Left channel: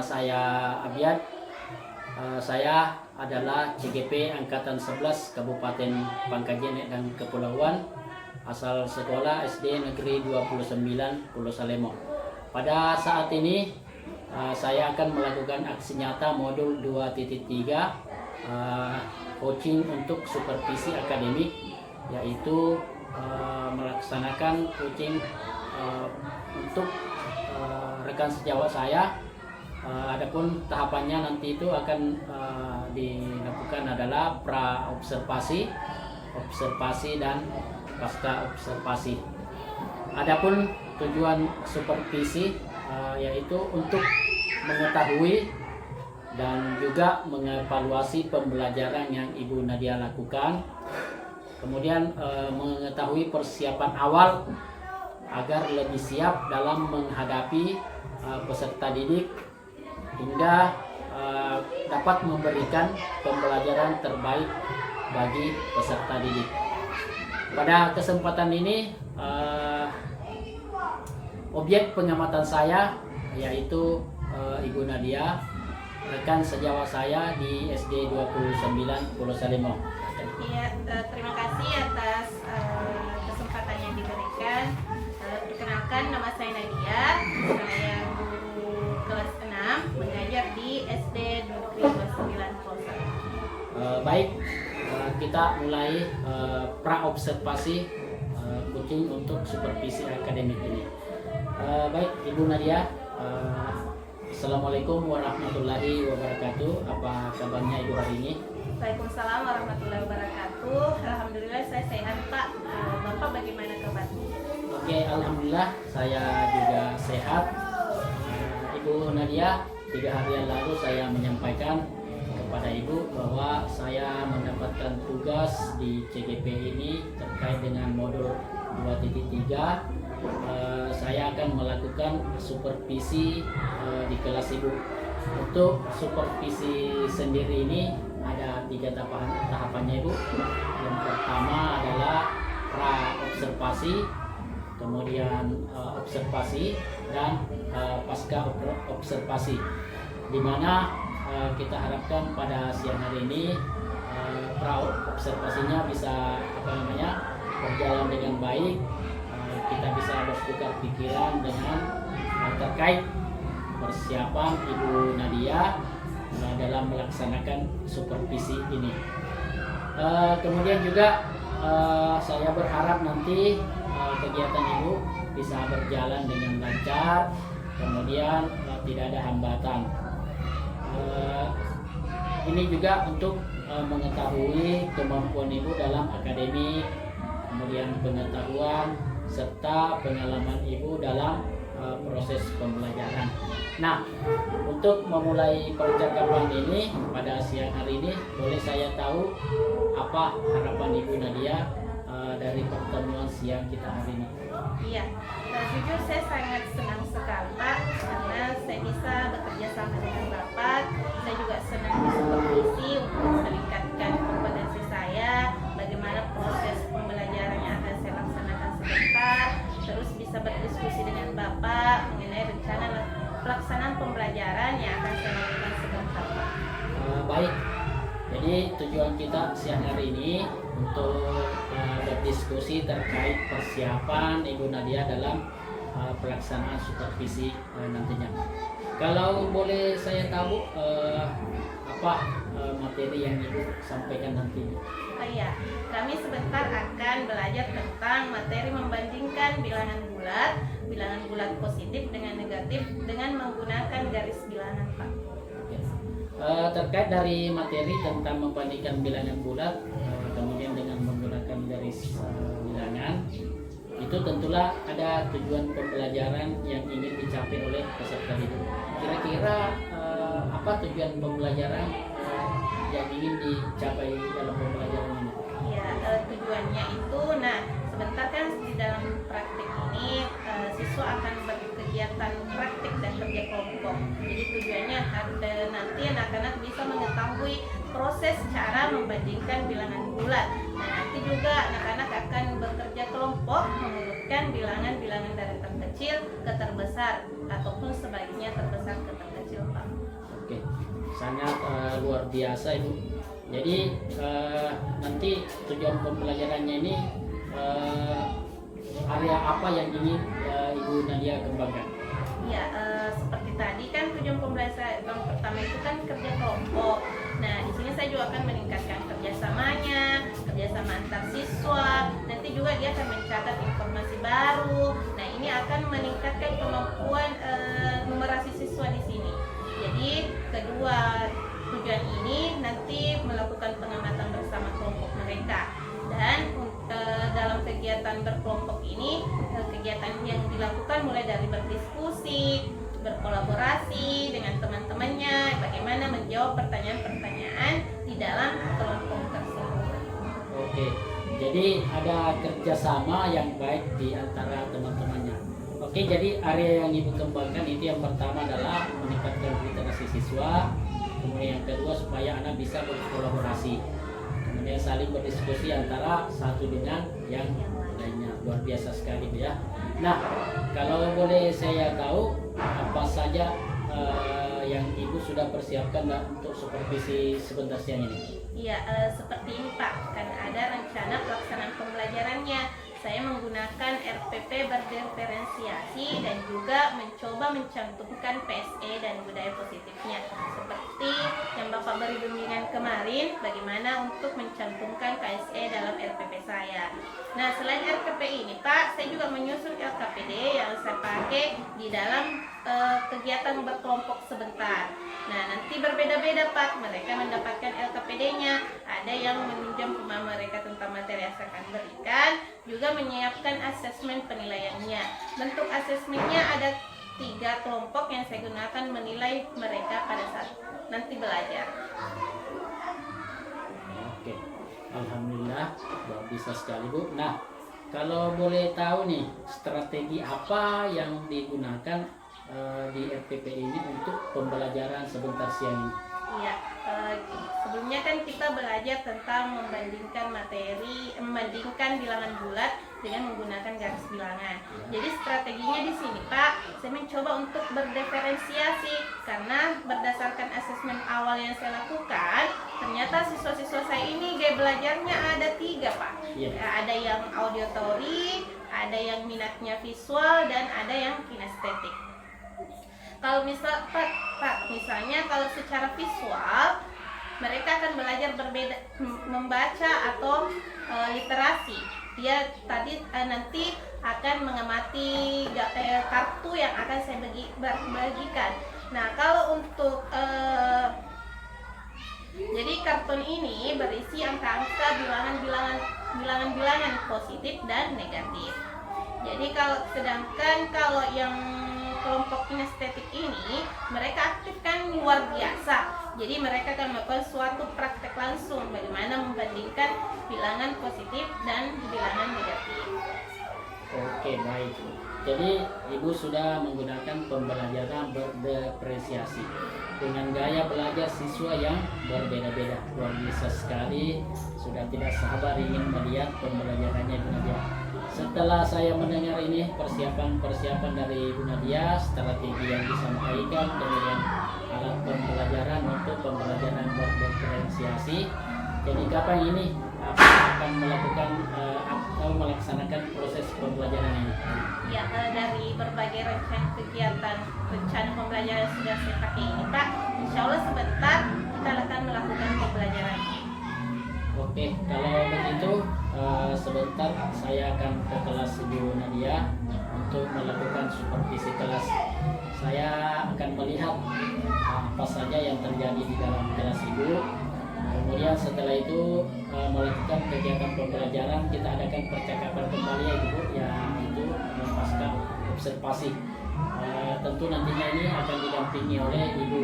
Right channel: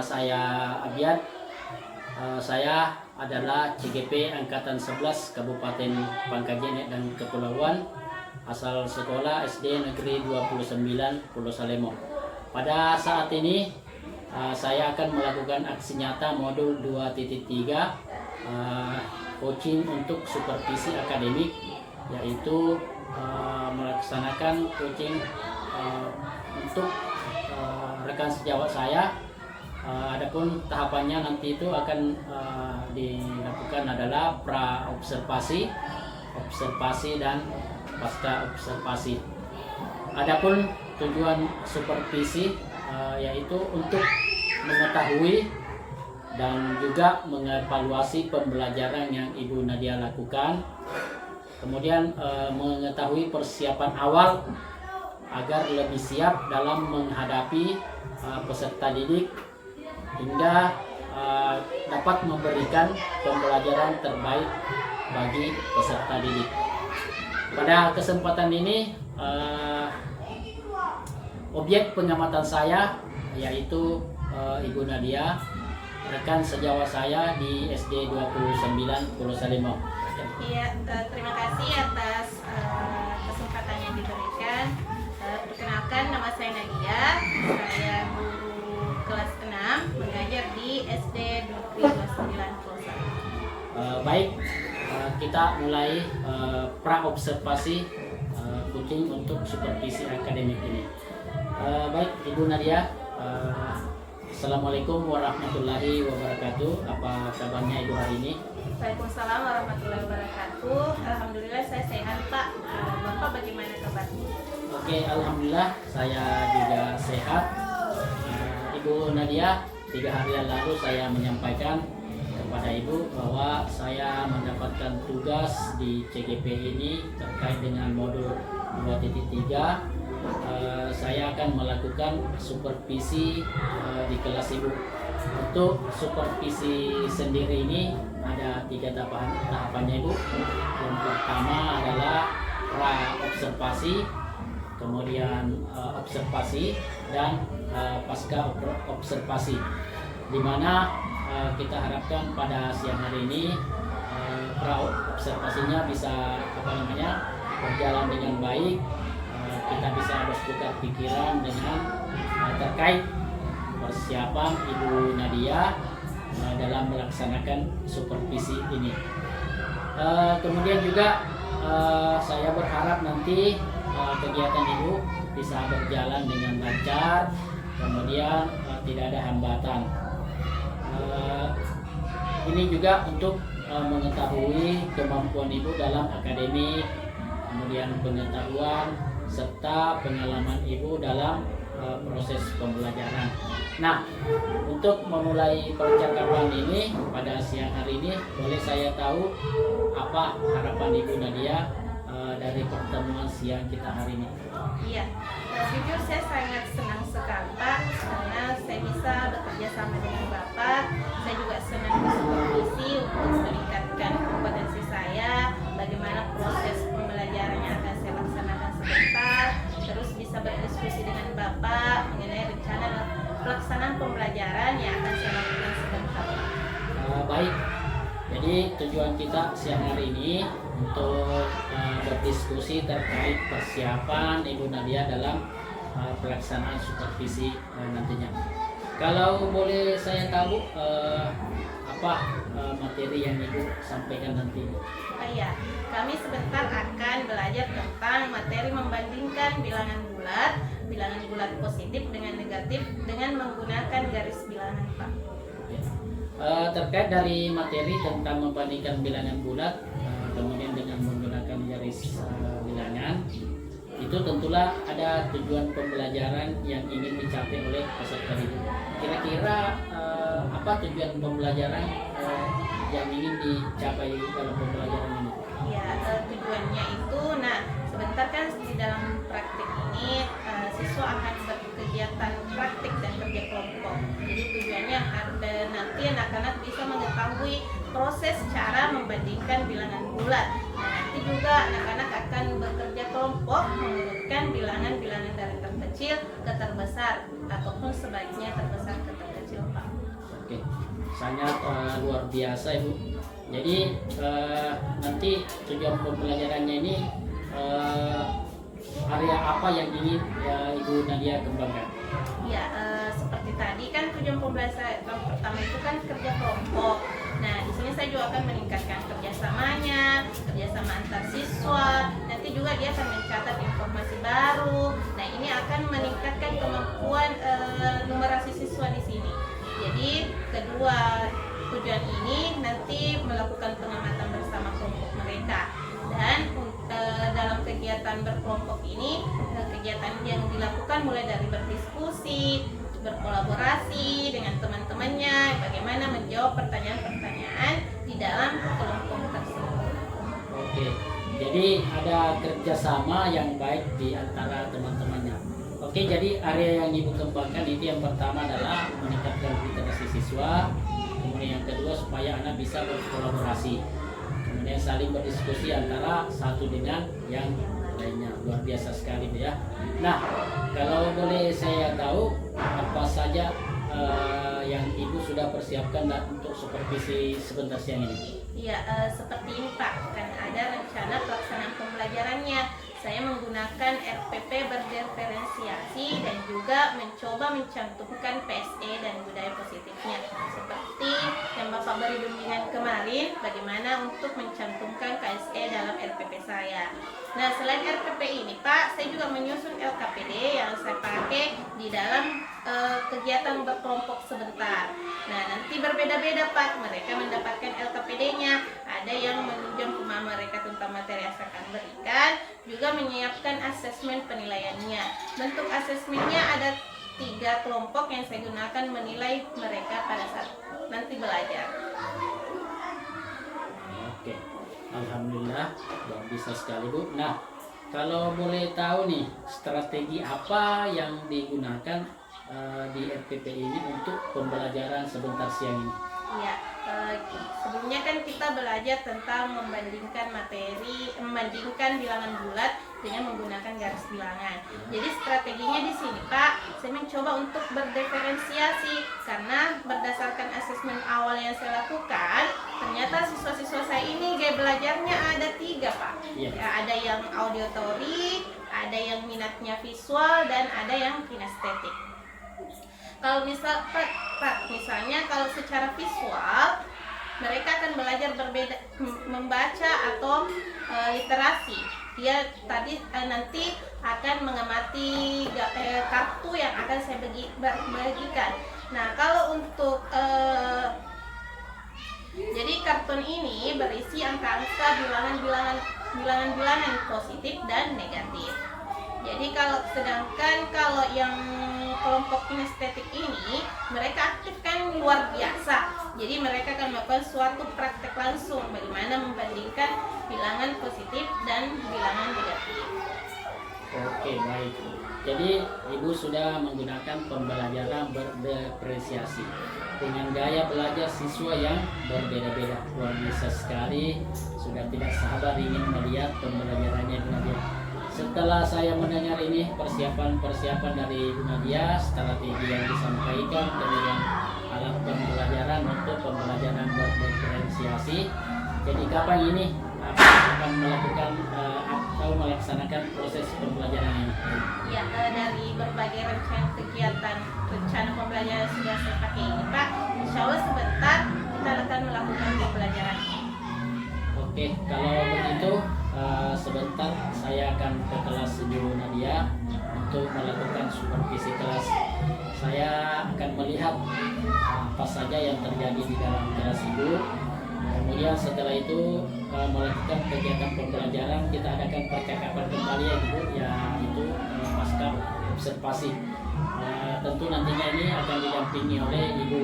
nama saya Abiad. Saya adalah CGP Angkatan 11 Kabupaten Pangkajene dan Kepulauan, asal sekolah SD Negeri 29 Pulau Salemo. Pada saat ini saya akan melakukan aksi nyata modul 2.3 coaching untuk supervisi akademik, yaitu melaksanakan coaching untuk rekan sejawat saya. Adapun tahapannya nanti itu akan dilakukan adalah pra observasi, observasi dan pasca observasi. Adapun tujuan supervisi yaitu untuk mengetahui dan juga mengevaluasi pembelajaran yang Ibu Nadia lakukan, kemudian mengetahui persiapan awal agar lebih siap dalam menghadapi peserta didik hingga dapat memberikan pembelajaran terbaik bagi peserta didik. Pada kesempatan ini objek pengamatan saya yaitu Ibu Nadia, rekan sejawat saya di SD 29 Pulau Salemo. Iya, terima kasih atas kesempatan yang diberikan. Perkenalkan, nama saya Nadia, saya guru kelas 6 mengajar di SD Negeri 29 Pulau Salemo. Baik, kita mulai pra observasi coaching untuk supervisi akademik ini. Baik, Ibu Nadia, Assalamualaikum warahmatullahi wabarakatuh. Apa kabarnya Ibu hari ini? Waalaikumsalam warahmatullahi wabarakatuh. Alhamdulillah saya sehat, Pak. Bapak bagaimana kabarnya? Oke, alhamdulillah saya juga sehat. Ibu Nadia, 3 hari yang lalu saya menyampaikan kepada Ibu bahwa saya mendapatkan tugas di CGP ini terkait dengan modul 2.3. Saya akan melakukan supervisi di kelas Ibu. Untuk supervisi sendiri ini ada 3 tahapannya, Ibu. Yang pertama adalah pra observasi, kemudian observasi, dan pasca observasi, di mana kita harapkan pada siang hari ini pra observasinya bisa berjalan dengan baik. Kita bisa bertukar pikiran dengan terkait persiapan Ibu Nadia dalam melaksanakan supervisi ini. Kemudian juga saya berharap nanti kegiatan Ibu bisa berjalan dengan lancar, kemudian tidak ada hambatan. Ini juga untuk mengetahui kemampuan Ibu dalam akademik, kemudian pengetahuan serta pengalaman Ibu dalam proses pembelajaran. Nah, untuk memulai percakapan ini pada siang hari ini, boleh saya tahu apa harapan Ibu Nadia dari pertemuan siang kita hari ini? Iya, jujur saya sangat senang sekali, Pak, karena saya bisa bekerja sama dengan Bapak. Saya juga senang bersupervisi untuk meningkatkan kompetensi saya, bagaimana proses pembelajaran yang akan saya laksanakan sebentar, terus bisa berdiskusi dengan Bapak mengenai rencana pelaksanaan pembelajaran yang akan saya lakukan sebentar, Pak. Baik, jadi tujuan kita siang hari ini untuk berdiskusi terkait persiapan Ibu Nadia dalam pelaksanaan supervisi nantinya. Kalau boleh saya tahu apa materi yang Ibu sampaikan nanti? Oh iya, kami sebentar akan belajar tentang materi membandingkan bilangan bulat positif dengan negatif dengan menggunakan garis bilangan, Pak. Terkait dari materi tentang membandingkan bilangan bulat kemudian dengan menggunakan garis bilangan, itu tentulah ada tujuan pembelajaran yang ingin dicapai oleh peserta didik. Kira-kira apa tujuan pembelajaran yang ingin dicapai dalam pembelajaran ini? Ya, tujuannya itu, sebentar kan di dalam praktik ini siswa akan berkegiatan praktik dan kerja kelompok. Jadi tujuannya nanti anak-anak bisa mengetahui proses cara membandingkan bilangan bulat. Nanti juga anak-anak akan bekerja kelompok mengurutkan bilangan-bilangan dari terkecil ke terbesar ataupun sebaiknya terbesar ke terkecil, Pak. sangat luar biasa Ibu. Jadi nanti tujuan pembelajarannya ini area apa yang ingin Ibu Nadia kembangkan? Ya, seperti tadi kan tujuan pembelajaran pertama itu kan kerja kelompok. Nah, di sini saya juga akan meningkatkan kerjasamanya, kerjasama antar siswa. Nanti juga dia akan mencatat informasi baru. Nah, ini akan meningkatkan kemampuan numerasi siswa di sini. Jadi, kedua tujuan ini nanti melakukan pengamatan bersama kelompok mereka. Dan dalam kegiatan berkelompok ini, kegiatan yang dilakukan mulai dari berdiskusi, berkolaborasi dengan teman-temannya, bagaimana menjawab pertanyaan-pertanyaan di dalam kelompok tersebut. Oke, jadi ada kerjasama yang baik di antara teman-temannya. Oke, jadi area yang Ibu kembangkan itu yang pertama adalah meningkatkan literasi siswa, kemudian yang kedua supaya anak bisa berkolaborasi, kemudian saling berdiskusi antara satu dengan yang lainnya. Luar biasa sekali ya. Nah, kalau boleh saya tahu apa saja yang Ibu sudah persiapkan untuk supervisi sebentar siang ini? Ya, seperti ini Pak, kan ada rencana pelaksanaan pembelajarannya. Saya menggunakan RPP berdiferensiasi dan juga mencoba mencantumkan PSE dan budaya positifnya. Seperti yang Bapak beri bimbingan kemarin, bagaimana untuk mencantumkan KSE dalam RPP saya. Nah, selain RPP ini Pak, saya juga menyusun LKPD yang saya pakai di dalam kegiatan berkelompok sebentar. Nah, nanti berbeda-beda Pak, mereka mendapatkan LKPD-nya. Ada yang meminjam pemahaman mereka tentang materi yang saya akan berikan, juga menyiapkan asesmen penilaiannya. Bentuk asesmennya ada 3 kelompok yang saya gunakan menilai mereka pada saat nanti belajar. Oke, alhamdulillah luar biasa sekali Bu. Nah, kalau boleh tahu nih strategi apa yang digunakan di RPP ini untuk pembelajaran sebentar siang ini? Iya, sebelumnya kan kita belajar tentang membandingkan bilangan bulat dengan menggunakan garis bilangan. Jadi strateginya di sini Pak, saya mencoba untuk berdiferensiasi karena berdasarkan asesmen awal yang saya lakukan, ternyata siswa-siswa saya ini gaya belajarnya ada 3 Pak. Iya. Ada yang auditory, ada yang minatnya visual, dan ada yang kinestetik. Kalau misalnya kalau secara visual mereka akan belajar berbeda membaca atau literasi. Dia nanti akan mengamati kartu yang akan saya bagikan. Nah, kalau untuk jadi kartun ini berisi angka-angka bilangan positif dan negatif. Jadi sedangkan kalau yang kelompok kinestetik ini mereka aktifkan luar biasa. Jadi mereka akan melakukan suatu praktek langsung bagaimana membandingkan bilangan positif dan bilangan negatif. Oke, baik. Jadi Ibu sudah menggunakan pembelajaran berdiferensiasi dengan gaya belajar siswa yang berbeda-beda. Luar biasa sekali. Sudah tidak sabar ingin melihat pembelajarannya Ibu Nadia. Setelah saya mendengar ini persiapan dari Ibu Nadia, strategi yang disampaikan, kemudian alat pembelajaran untuk pembelajaran berdiferensiasi. Jadi kapan ini akan melakukan atau melaksanakan proses pembelajaran ini? Ya, dari berbagai rencana pembelajaran sudah saya pakai ini Pak. Insya Allah sebentar kita akan melakukan pembelajaran ini. Oke, kalau begitu sebentar saya akan ke kelas Ibu Nadia untuk melakukan supervisi kelas. Saya akan melihat apa saja yang terjadi di dalam kelas Ibu. Kemudian setelah itu melakukan kegiatan pembelajaran, kita adakan percakapan kembali ya Ibu, yang itu pasca observasi. Tentu nantinya ini akan didampingi oleh Ibu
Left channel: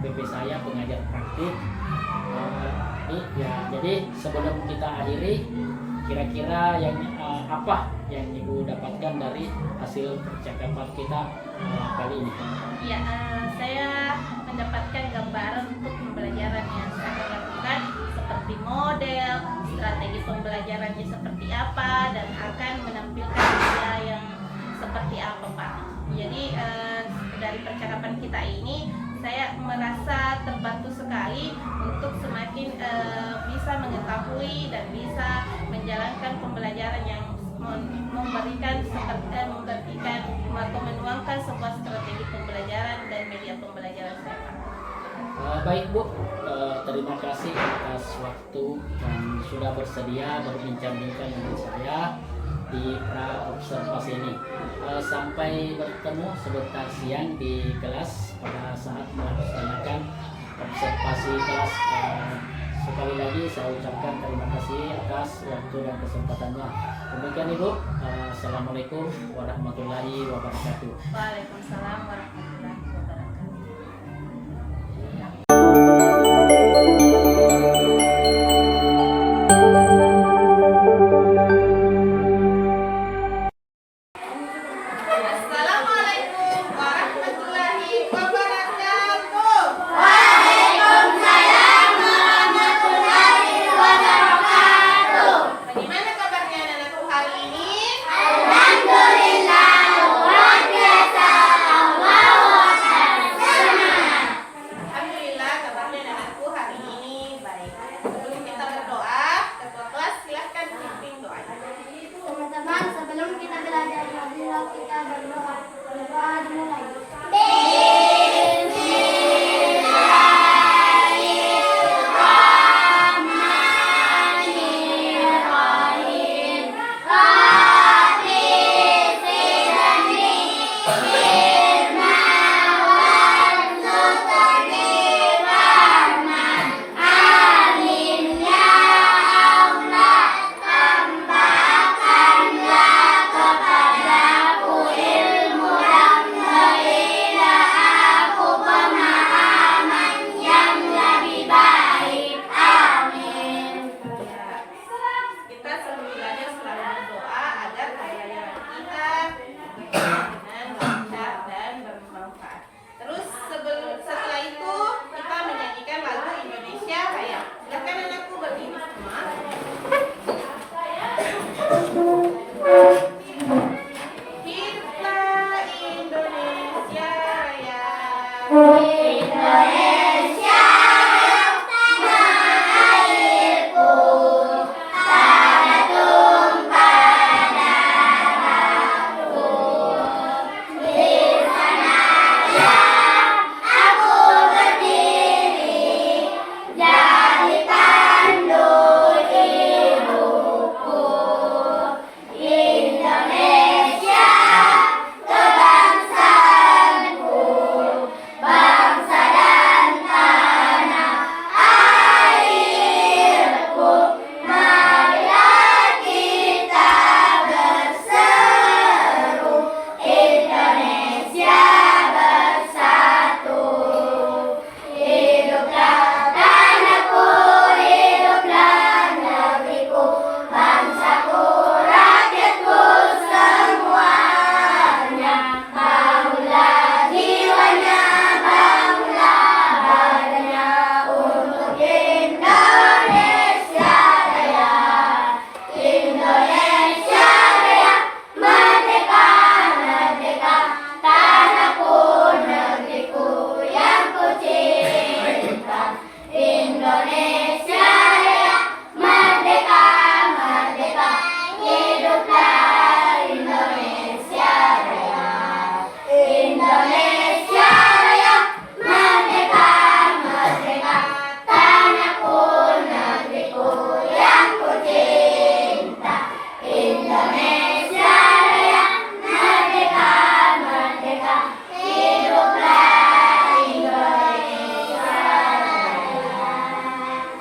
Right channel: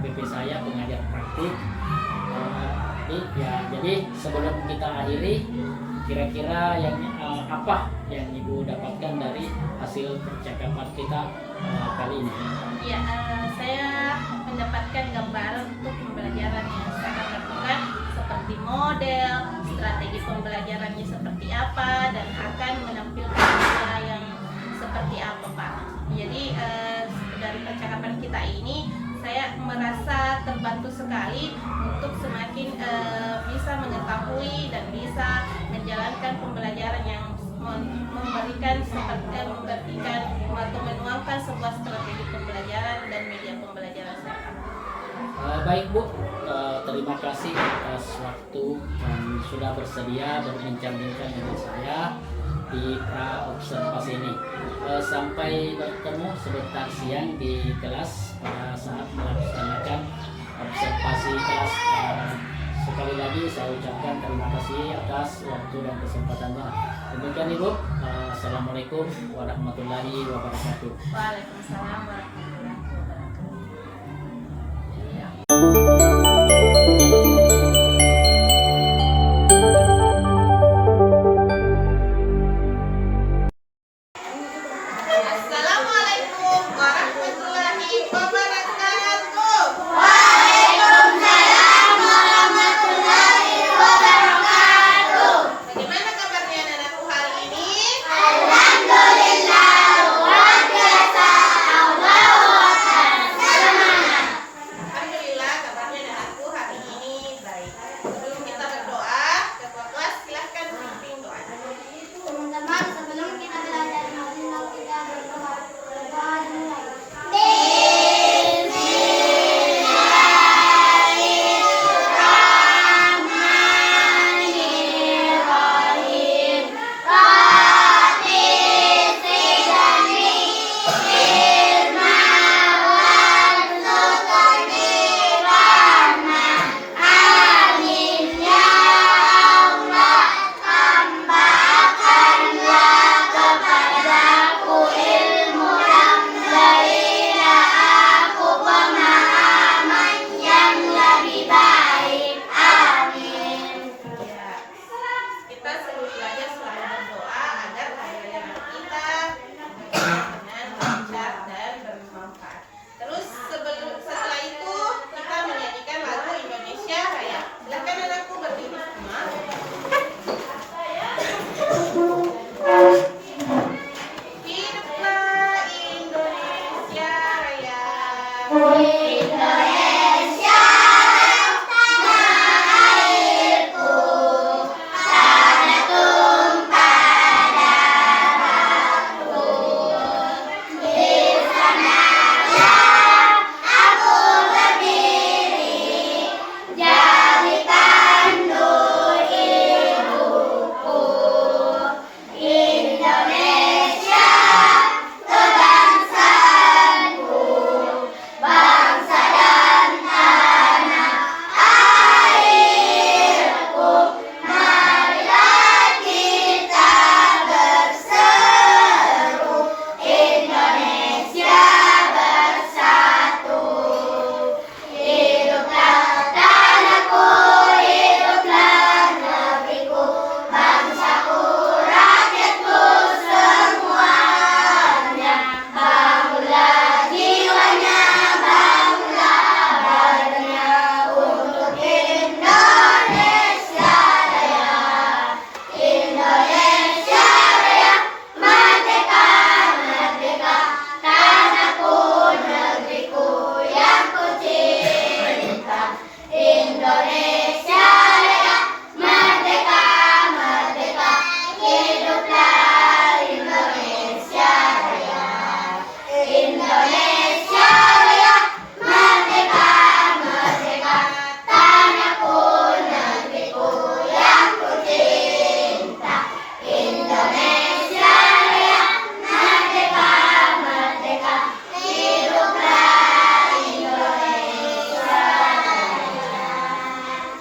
PP saya, pengajar praktik. Ya, jadi sebelum kita akhiri, kira-kira yang apa yang Ibu dapatkan dari hasil percakapan kita kali ini? Ya, saya mendapatkan gambaran untuk pembelajaran yang saya akan lakukan, seperti model, strategi pembelajarannya seperti apa, dan akan menampilkan nilai yang seperti apa Pak. Jadi dari percakapan kita ini saya merasa terbantu sekali untuk semakin bisa mengetahui dan bisa menjalankan pembelajaran yang memberikan atau menuangkan sebuah strategi pembelajaran dan media pembelajaran saya pakai. Baik Bu, terima kasih atas waktu yang sudah bersedia berbincang-bincang dengan saya di pra observasi ini. Sampai bertemu sebentar siang di kelas pada saat melaksanakan observasi kelas. Sekali lagi saya ucapkan terima kasih atas waktu dan kesempatannya. Demikian Ibu. Assalamualaikum warahmatullahi wabarakatuh. Waalaikumsalam warahmatullahi wabarakatuh. Assalamualaikum warahmatullahi wabarakatuh. Waalaikumsalam warahmatullahi wabarakatuh. Bagaimana kabarnya anak-anakku hari ini? Alhamdulillah, luar biasa. Allahu Akbar. Semangat. Alhamdulillah kabarnya anak-anakku hari ini baik. Sebelum kita berdoa, ketua kelas silahkan pimpin doa. Teman-teman, sebelum kita belajar marilah kita berdoa. Berdoa dimulai. Bismillahirrahmanirrahim. Rabbi zidni ilma warzuqni rahmah. Amin ya Allah. Tambahkanlah kepadaku ilmu yang berilah aku pemahaman yang lebih baik. Amin. Ya. Kita sebelum belajar selalu berdoa agar pembelajaran kita dengan lancar dan bermanfaat. Terus setelah itu kita menyanyikan lagu Indonesia Raya. Silakan anakku berdiri semua. Hiduplah Indonesia Raya. Indonesia tanah airku, tanah tumpah darahku. Di sanalah aku berdiri, jadi pandu hidupku. Indonesia kebangsaanku, bangsa dan tanah airku. Marilah kita berseru, Indonesia bersatu. Hiduplah tanahku, hiduplah negeriku, bangsaku, rakyatku semuanya. Bangunlah jiwanya, bangunlah badannya untuk Indonesia Raya. Indonesia Raya, merdeka, merdeka, tanahku, negeriku yang ku cinta. Indonesia Raya, merdeka, merdeka, hiduplah Indonesia Raya. Indonesia Raya, merdeka, merdeka, tanahku, negeriku yang ku cinta. Indonesia Raya, merdeka, merdeka, hiduplah Indonesia Raya.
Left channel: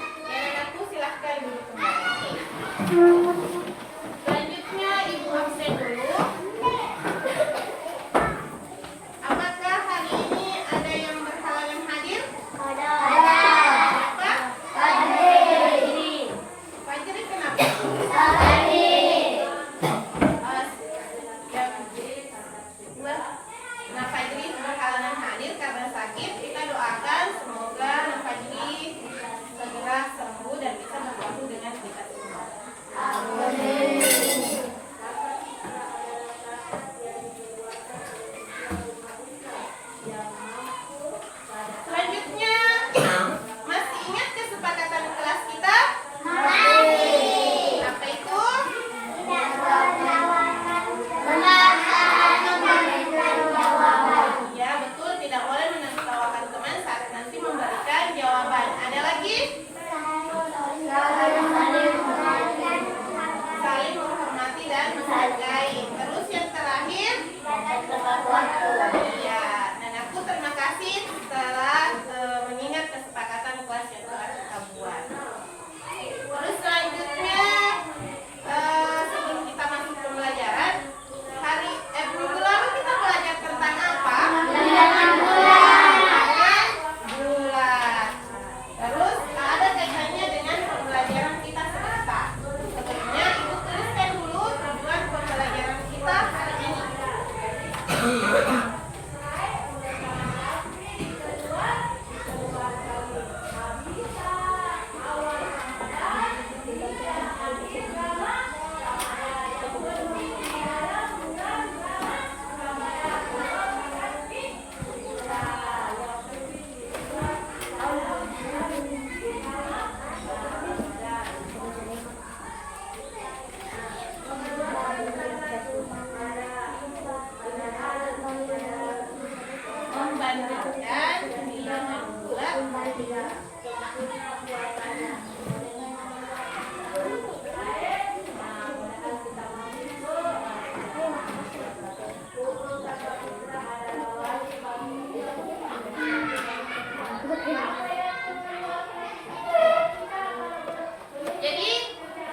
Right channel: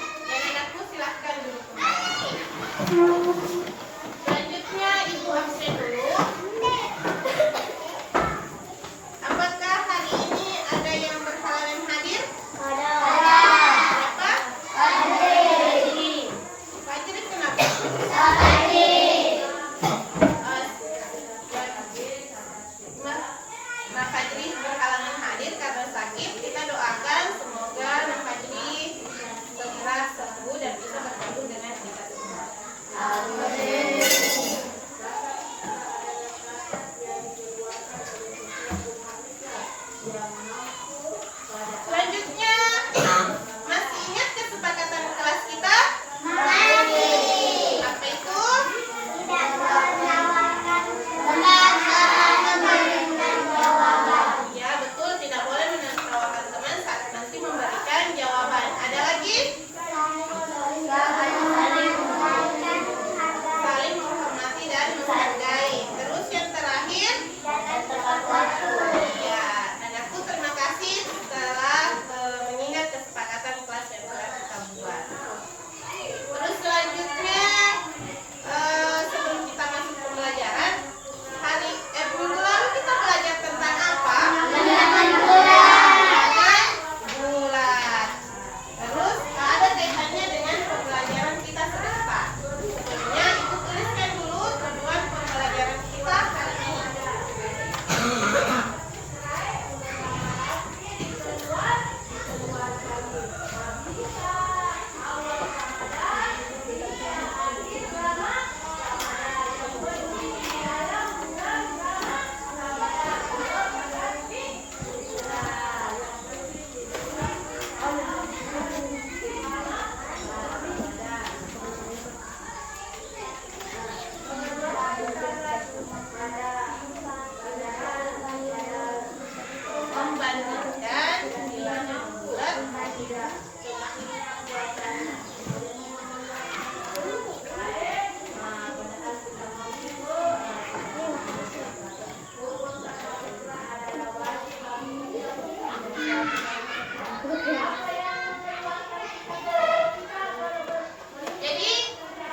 Jadi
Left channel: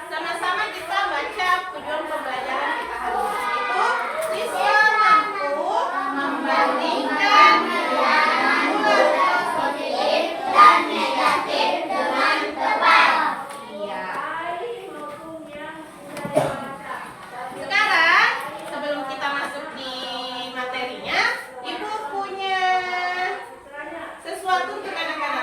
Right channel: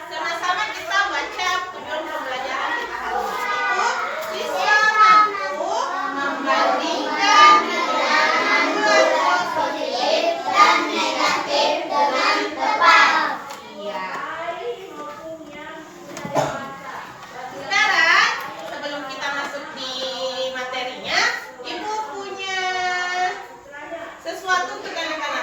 sama-sama kita baca tujuan pembelajaran kita hari ini, itu siswa mampu membandingkan nilai positif dan negatif dengan tepat. Iya. Sekarang sebelum kita masuk di materinya, Ibu punya sesuatu untuk anak-anak.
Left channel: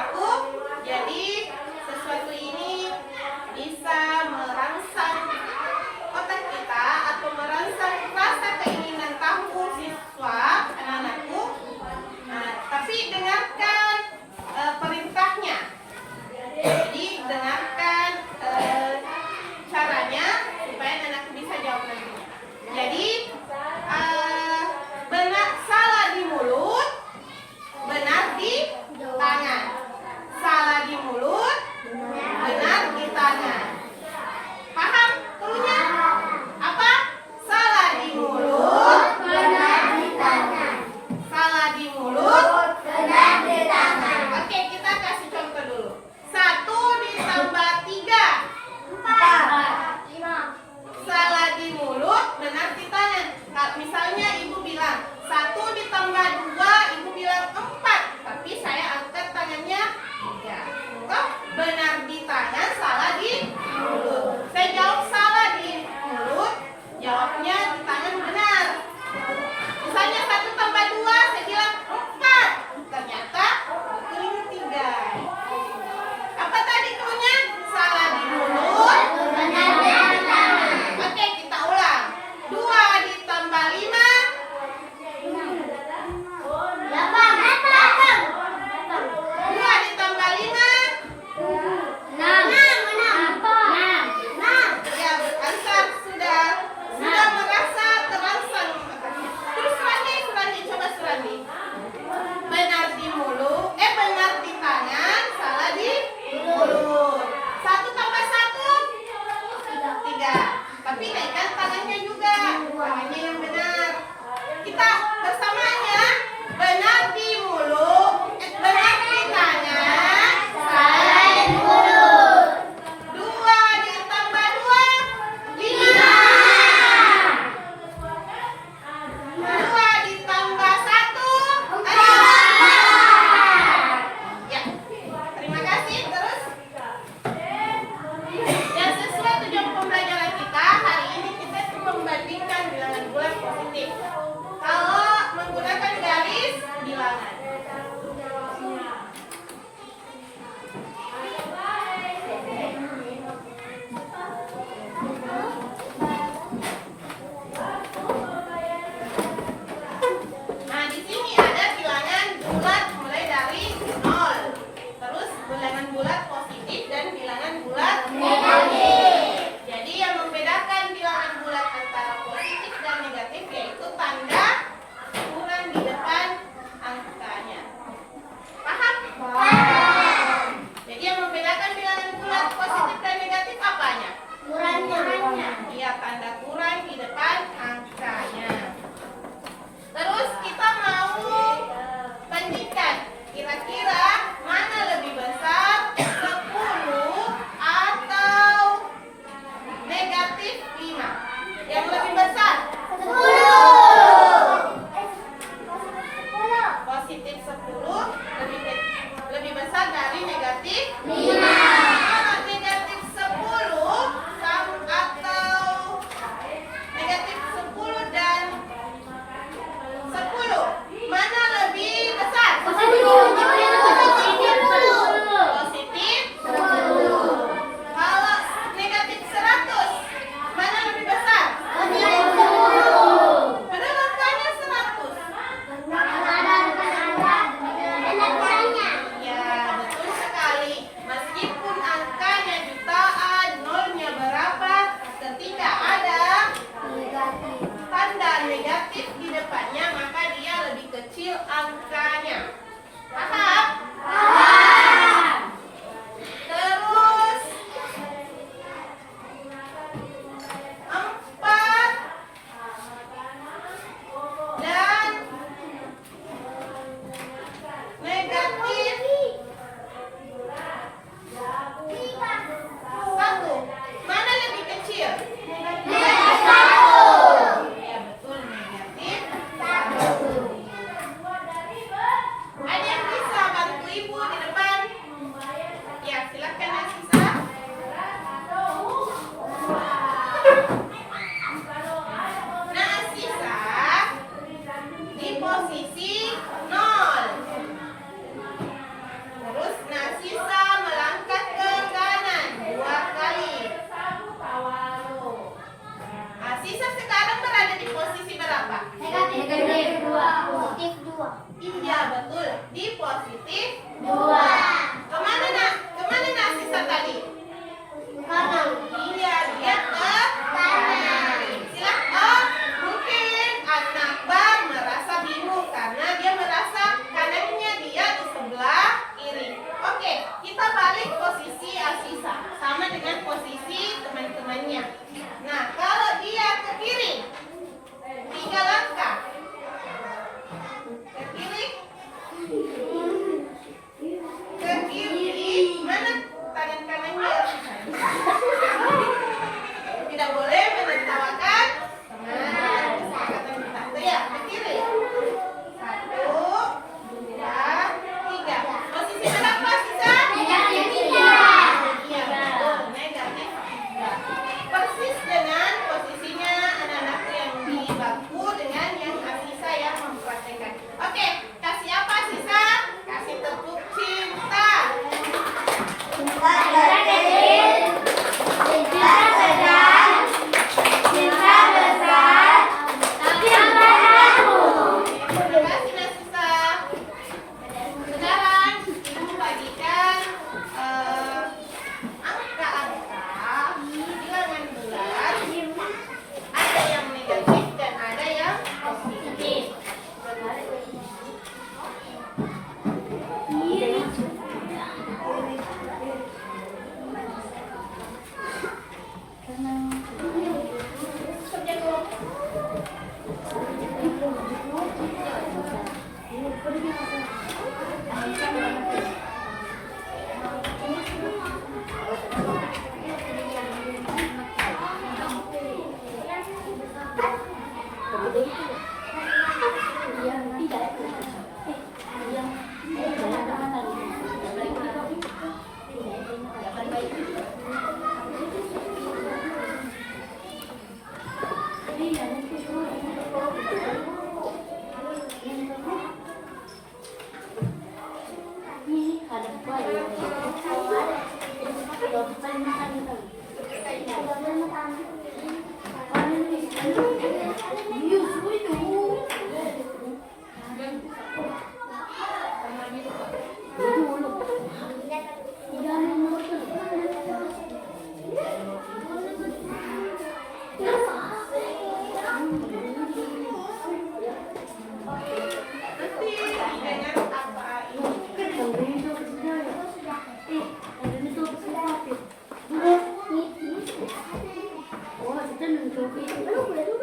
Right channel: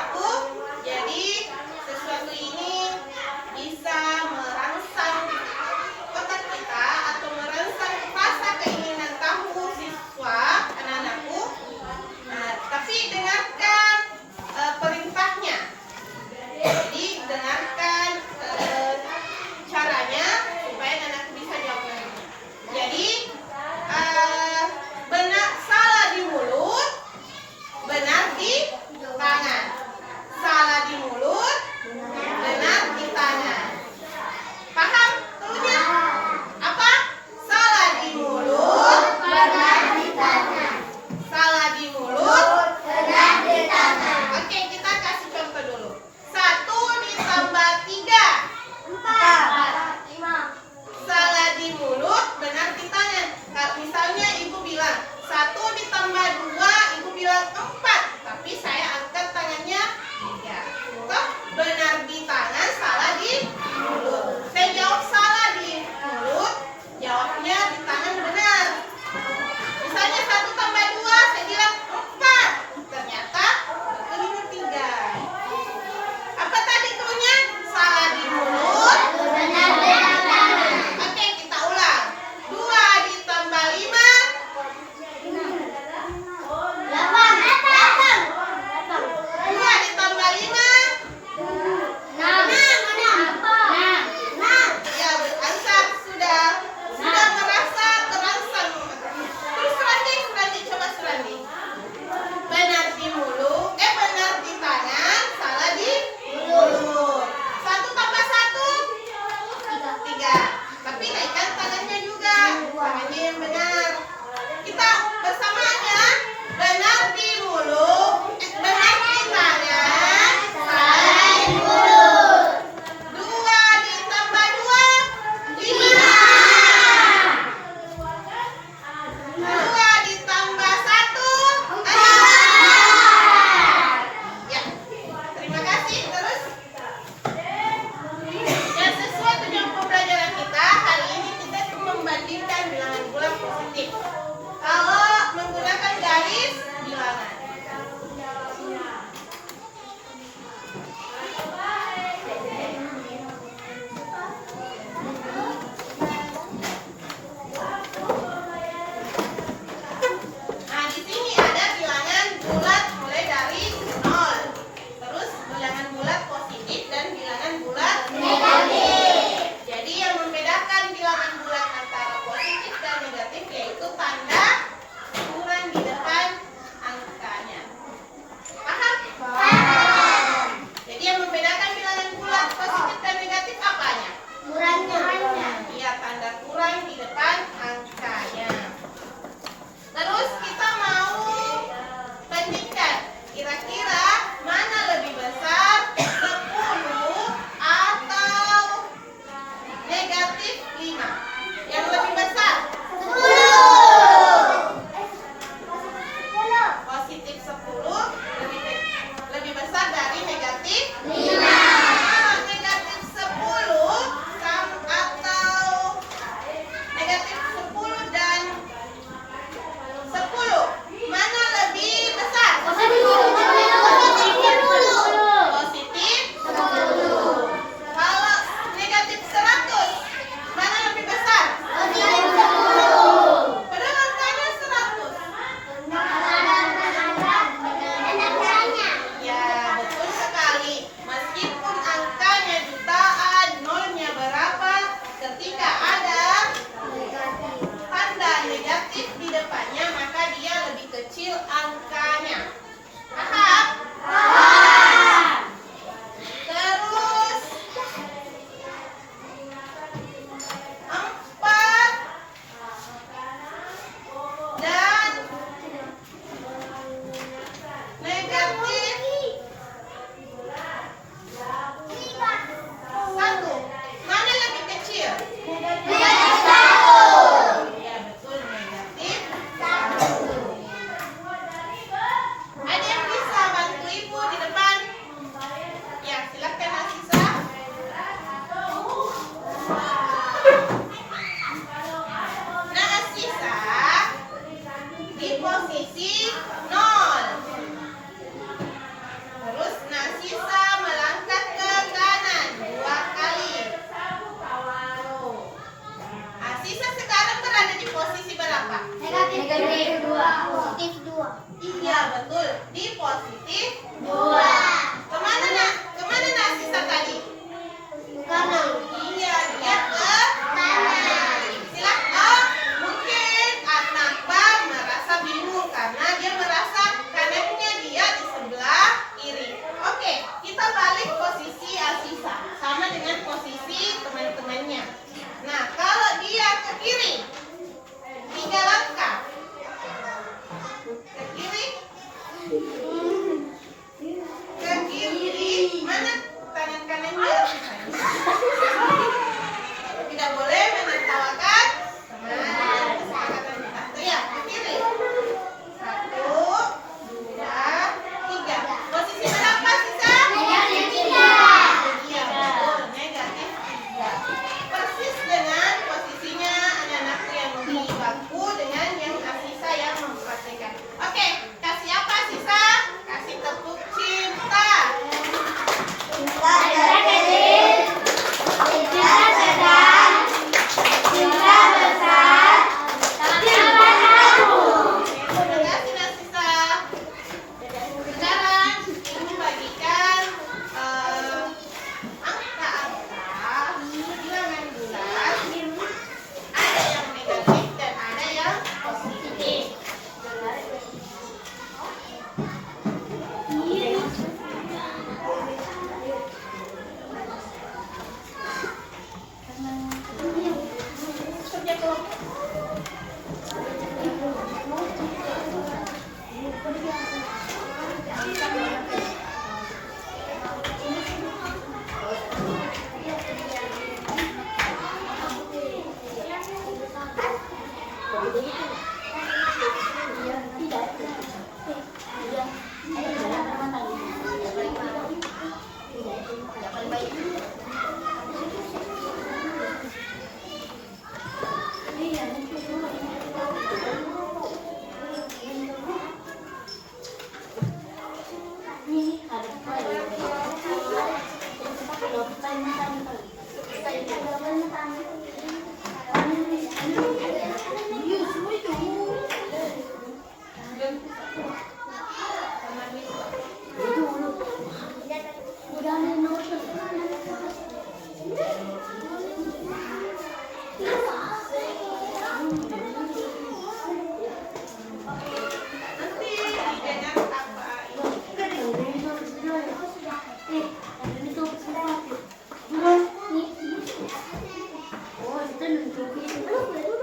Nanti dengan apa ini?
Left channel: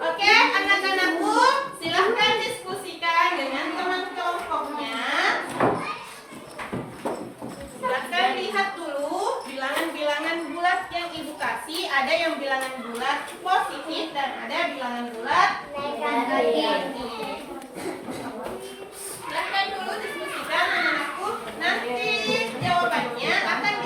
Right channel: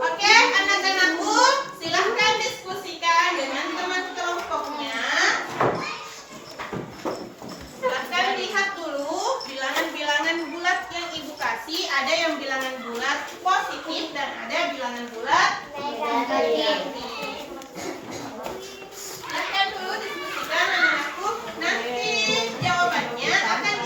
Oke, anak-anakku, silahkan diskusikan dengan teman kelompoknya. Silahkan lihat dulu bilangan-bilangan bulat yang ibu kasih. Ada yang bilangan bulat positif dan ada bilangan bulat negatif. Silahkan dulu diskusikan anak-anakku. Nanti jawabannya akan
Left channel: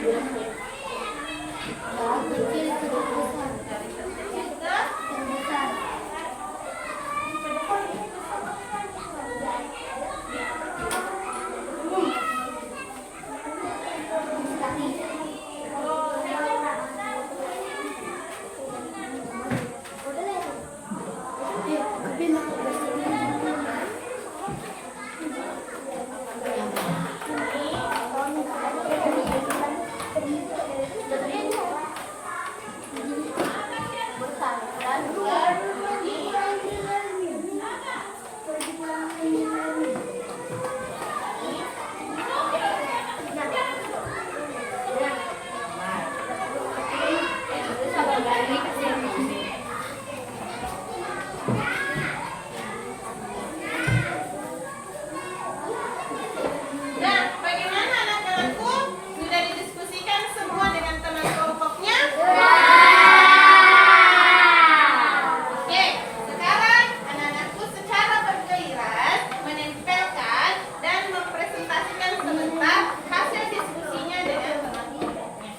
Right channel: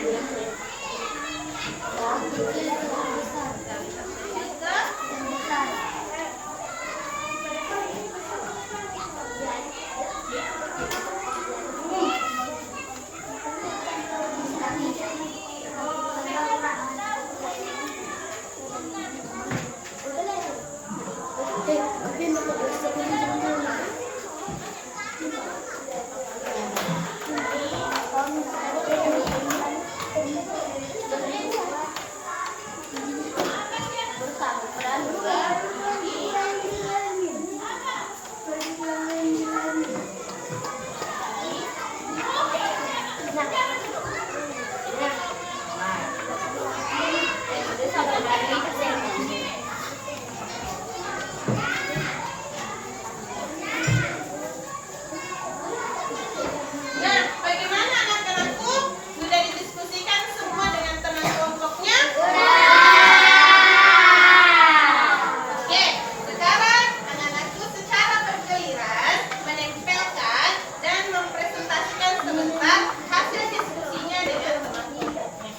kecil ke terbesar. Terbesar. Nah, bagaimana anak-anakku? Sudah didiskusikan semua dengan teman kelompoknya? Oke, sekarang anak-anakku secara bergiliran menempelkan dan mempresentasikan sebentar hasil diskusinya dengan teman kelompoknya.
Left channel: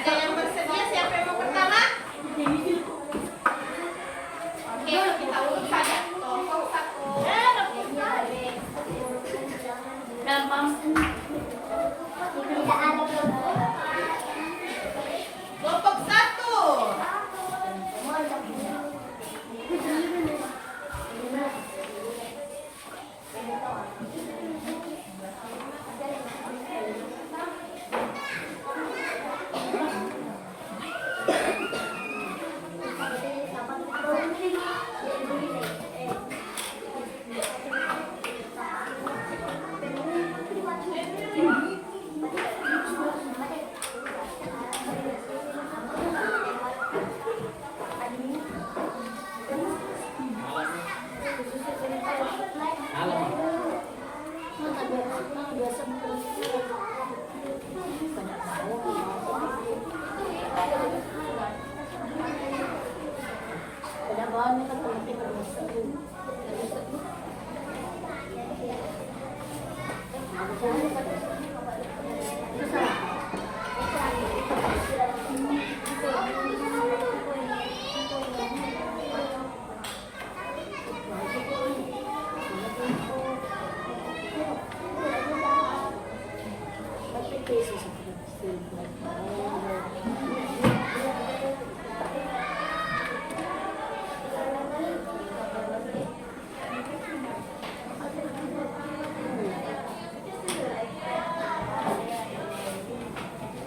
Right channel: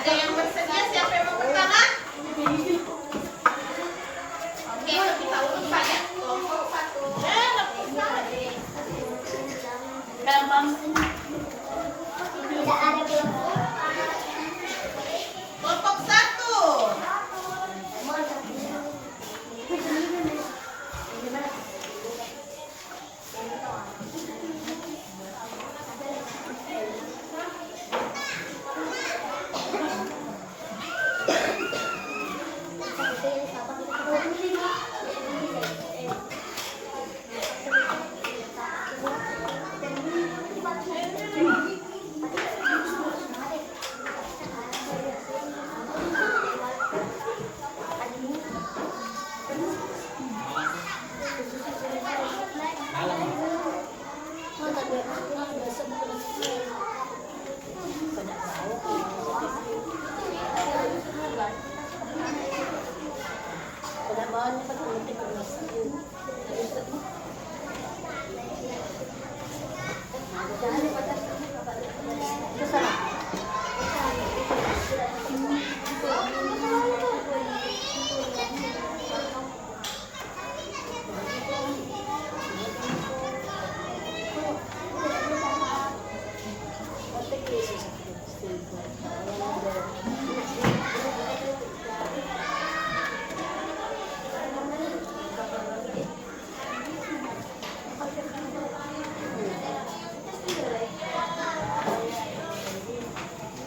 Ada yang bersedia? Siapa yang mau pertama? Oke, kita urut saja. Kelompok satu. Tidak ada Kelompok satu.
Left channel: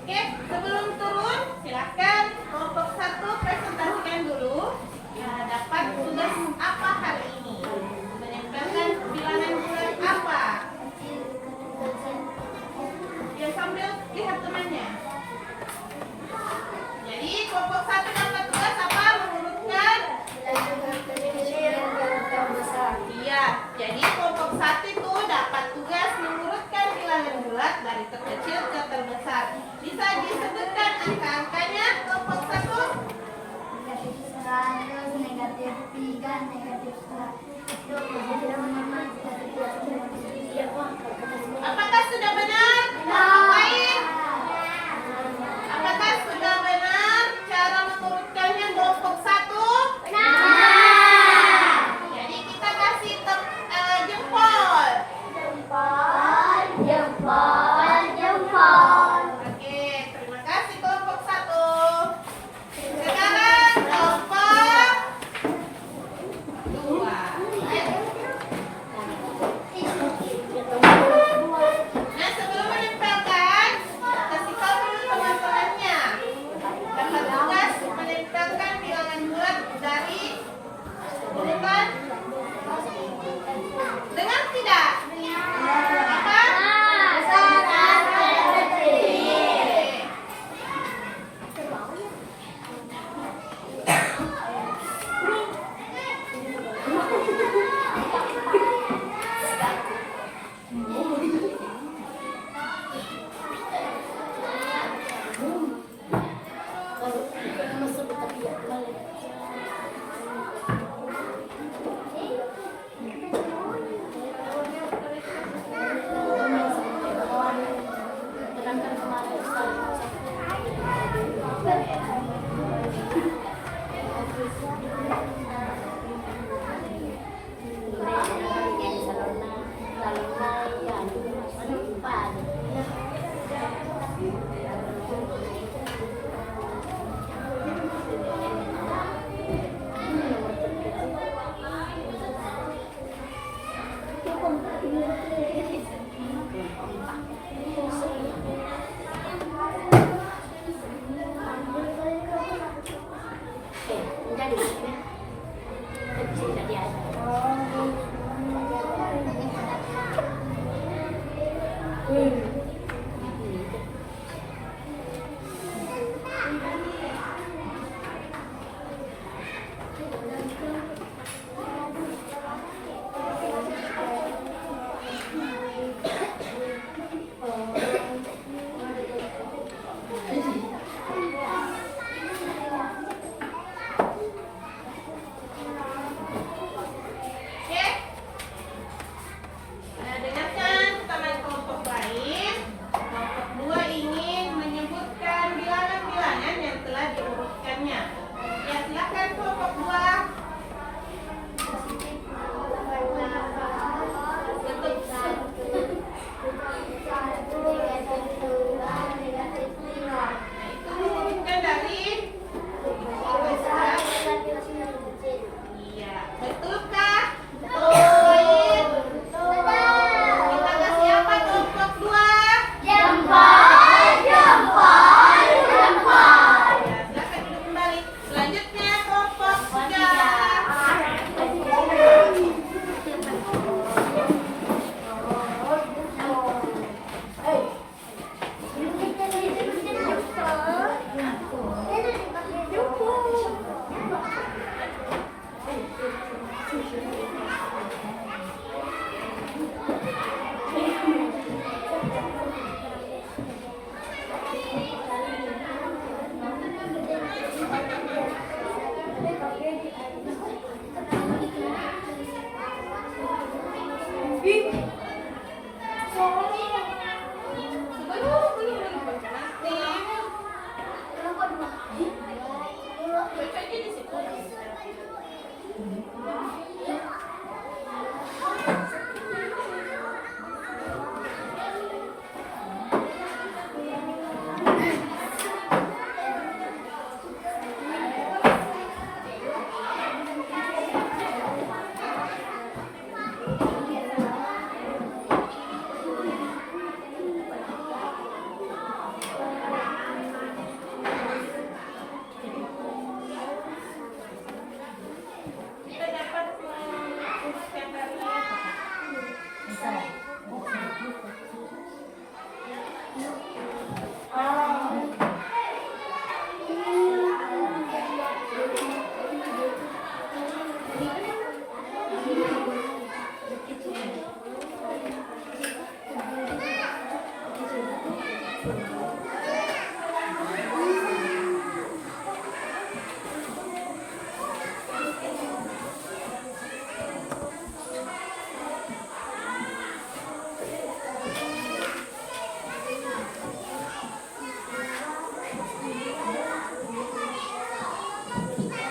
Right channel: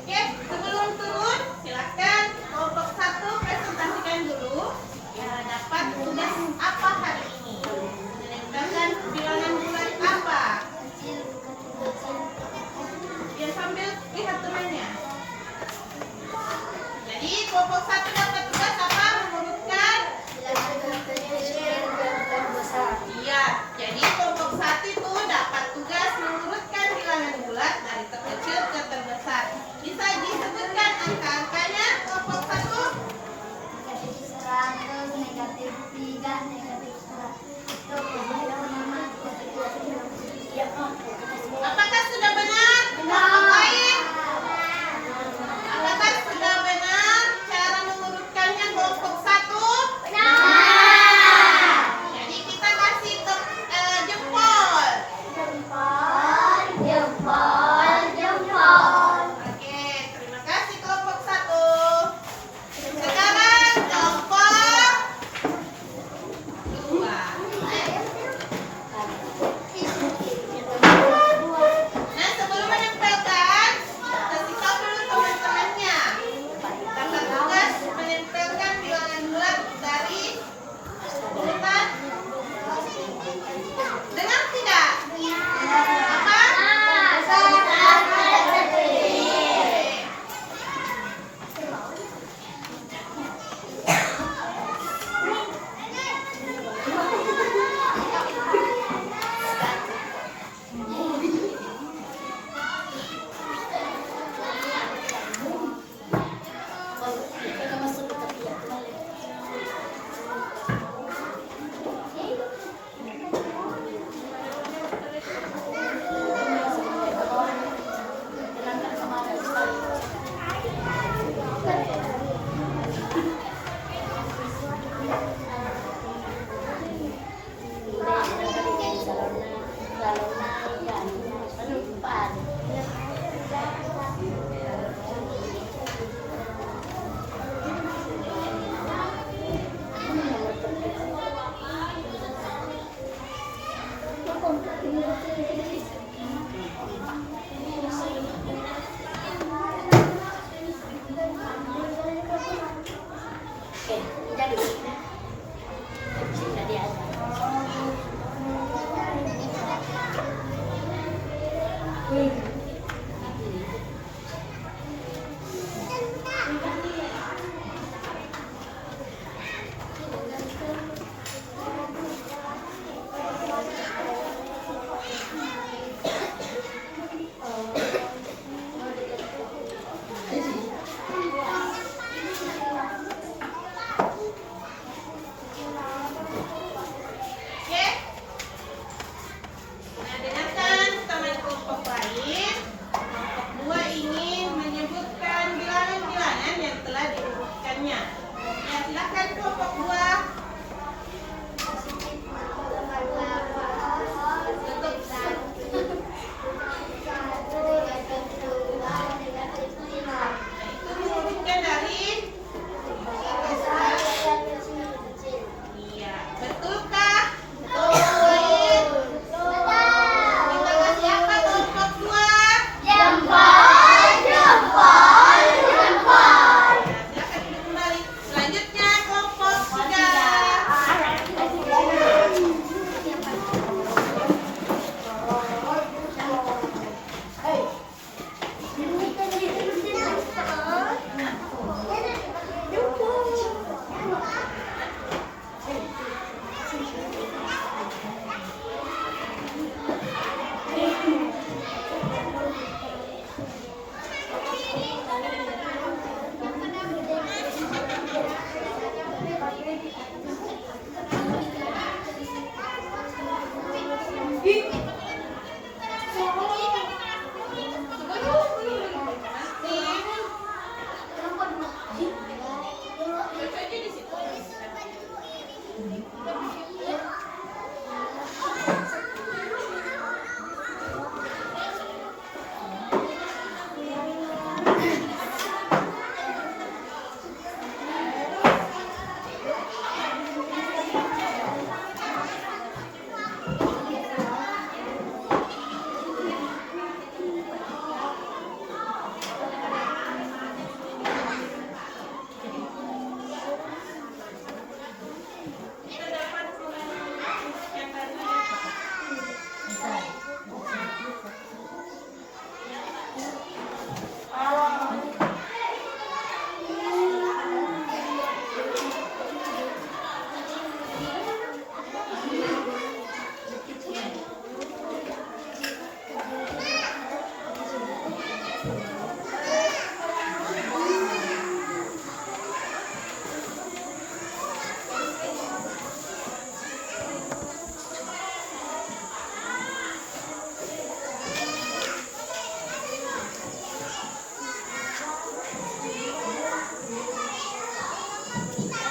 Oke, sebelum turun, silakan kelompok satu presentasikan dulu. Ya, dapat tugas apa hari ini? Menempelkan bilangan bulat apa? Ya, sambil lihat temannya. Jadi kelompok satu dapat tugas apa? Mengurutkan. Iya, jadi kelompok satu itu dapat tugas mengurutkan bilangan bulat dari terkecil ke terbesar. Bisa disebutkan angka-angkanya kelompok satu? negatif 100, negatif 3, negatif 100. Apakah sudah benar? Kelompok lain? Apakah sudah benar cara mengurutkannya kelompok satu? Jadi kita kasih jempol. Jempol, jempol, jempol.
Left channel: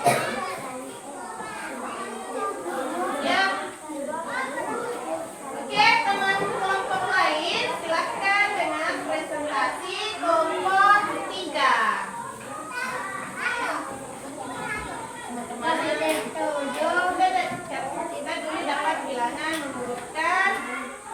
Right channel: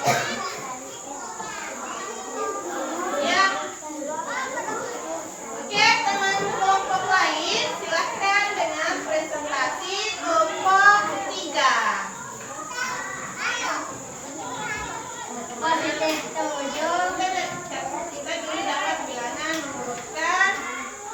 Ya. Oke, teman kelompok lain silakan dengan presentasi kelompok 3. Positif 7. Kita dulu dapat bilangan mengurutkan.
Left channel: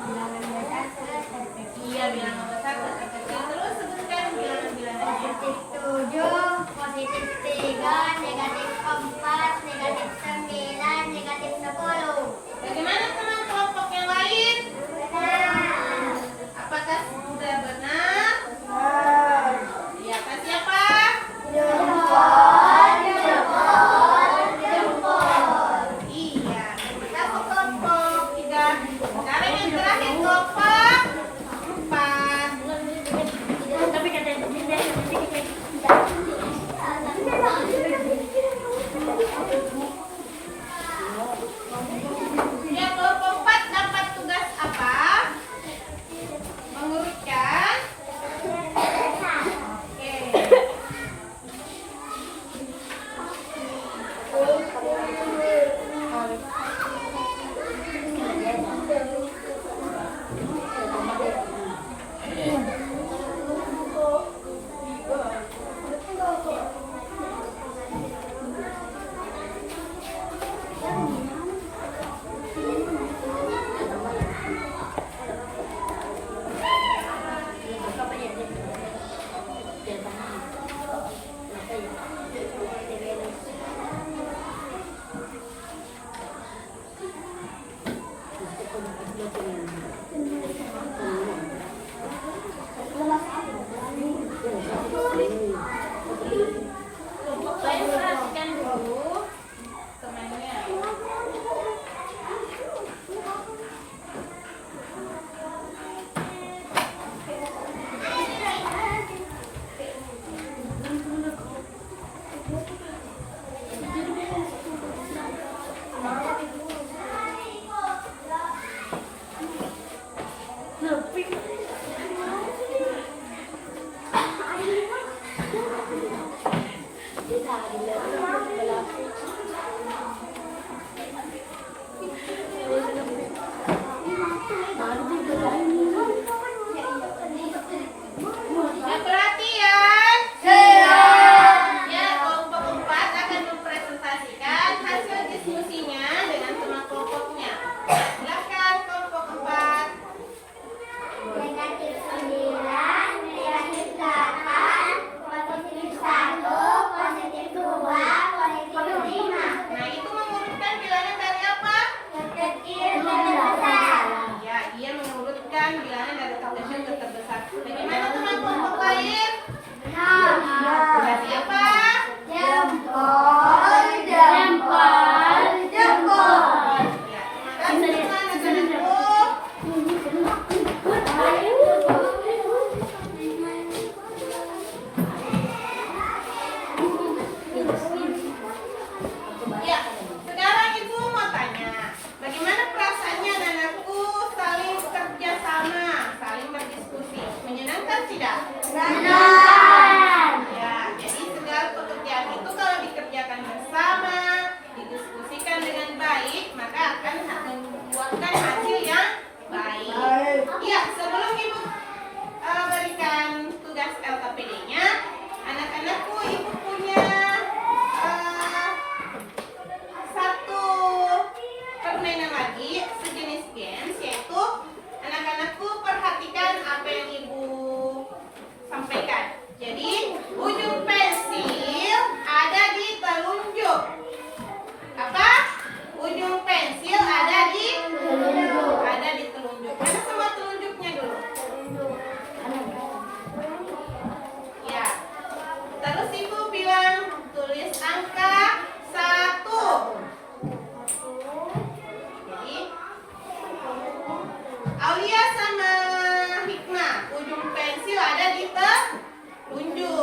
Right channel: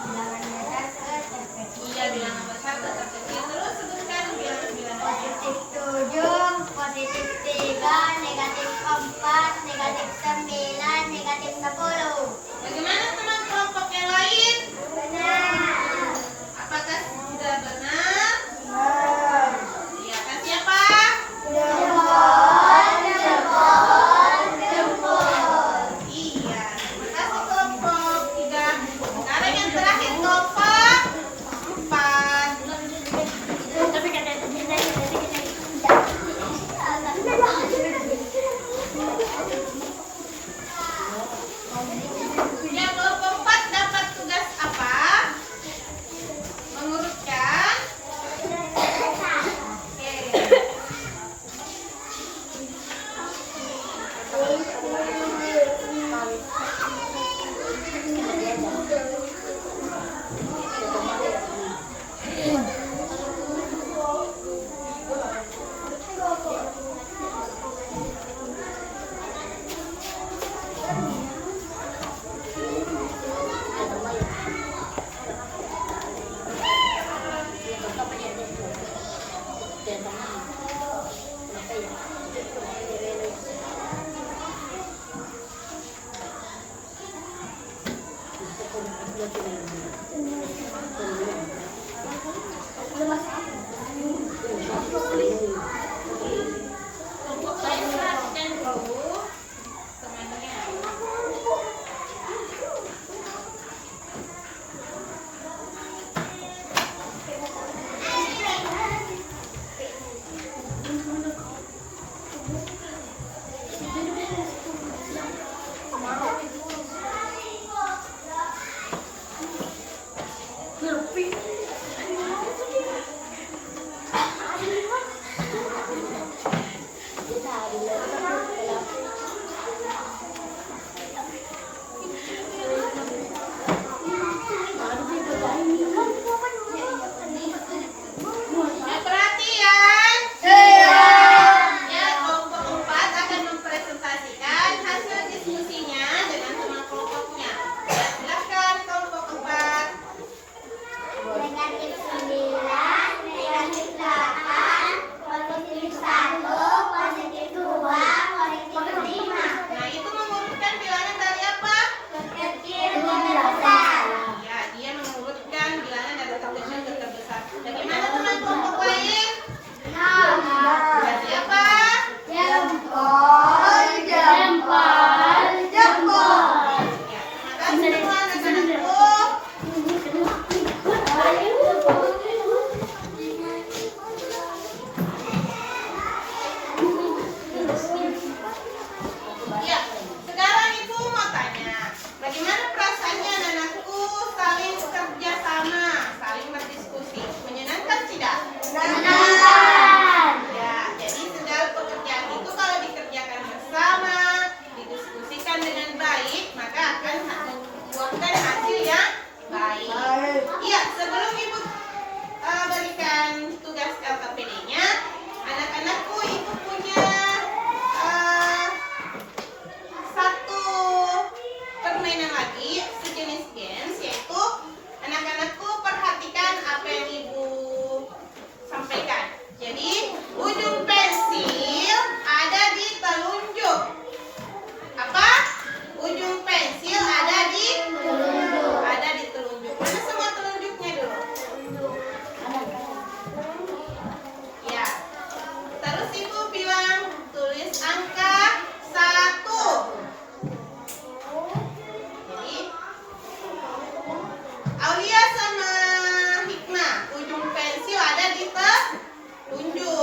Bilangan besar ke terkecil. Iya, bilangan besar ke terkecil. Terus sebutkan bilangan-bilangan. Positif 7, positif 3, negatif 4, negatif 9, negatif 10. Bagaimana teman kelompok yang lain? Benar. Apakah sudah benar? Iya, kan siapa? Jempol, jempol, jempol. Iya, terima kasih kelompok 3. Sekarang yang terakhir kelompok 4. Tapi kata Yang kelompok 4 dapat tugas apa? Mengurutkan. Oke. Kelompok lain perhatikan dulu temannya. Ya, perhatian. Ya, kelompok 4 akan mempresentasikan hasil diskusinya dengan teman kelompoknya. Ya, silakan kelompok 4. negatif 9, negatif 8, positif 1, positif 2, positif 5. Nah, itu mengurutkan bilangan dari apa? Terkecil ke terbesar. Ya, dia mengurutkan bilangan dari terkecil ke terbesar. Bagaimana teman kelompok lain? Ya, siapa? Jempol, jempol, jempol. Ya, terima kasih anak-anakku. Ya, sekarang ibu mau tanya, bagaimana perasaannya anak-anakku saling kerja sama, saling berdiskusi, menyenangkan tidak? Benar. Ya, jadi segala pekerjaan itu kalau dikerjakan bersama, didiskusikan dengan baik, maka akan membuahkan hasil yang baik. Ya, sebelum ibu berikan tugas LKPD-nya, anak-anakku ibu punya satu permainan lagi sejenis games, yaitu anak-anakku perhatikan apa yang ibu sampaikan. Jadi ujung pensil ada di telunjuk. Apa? Ujung pensil ada di telunjuk. Mana semua telunjuknya dulu? Ya. Terus ibu bilang tulis angka 1. Jadi Aulia sama Hikmah, ujung pensil ada di telunjuk.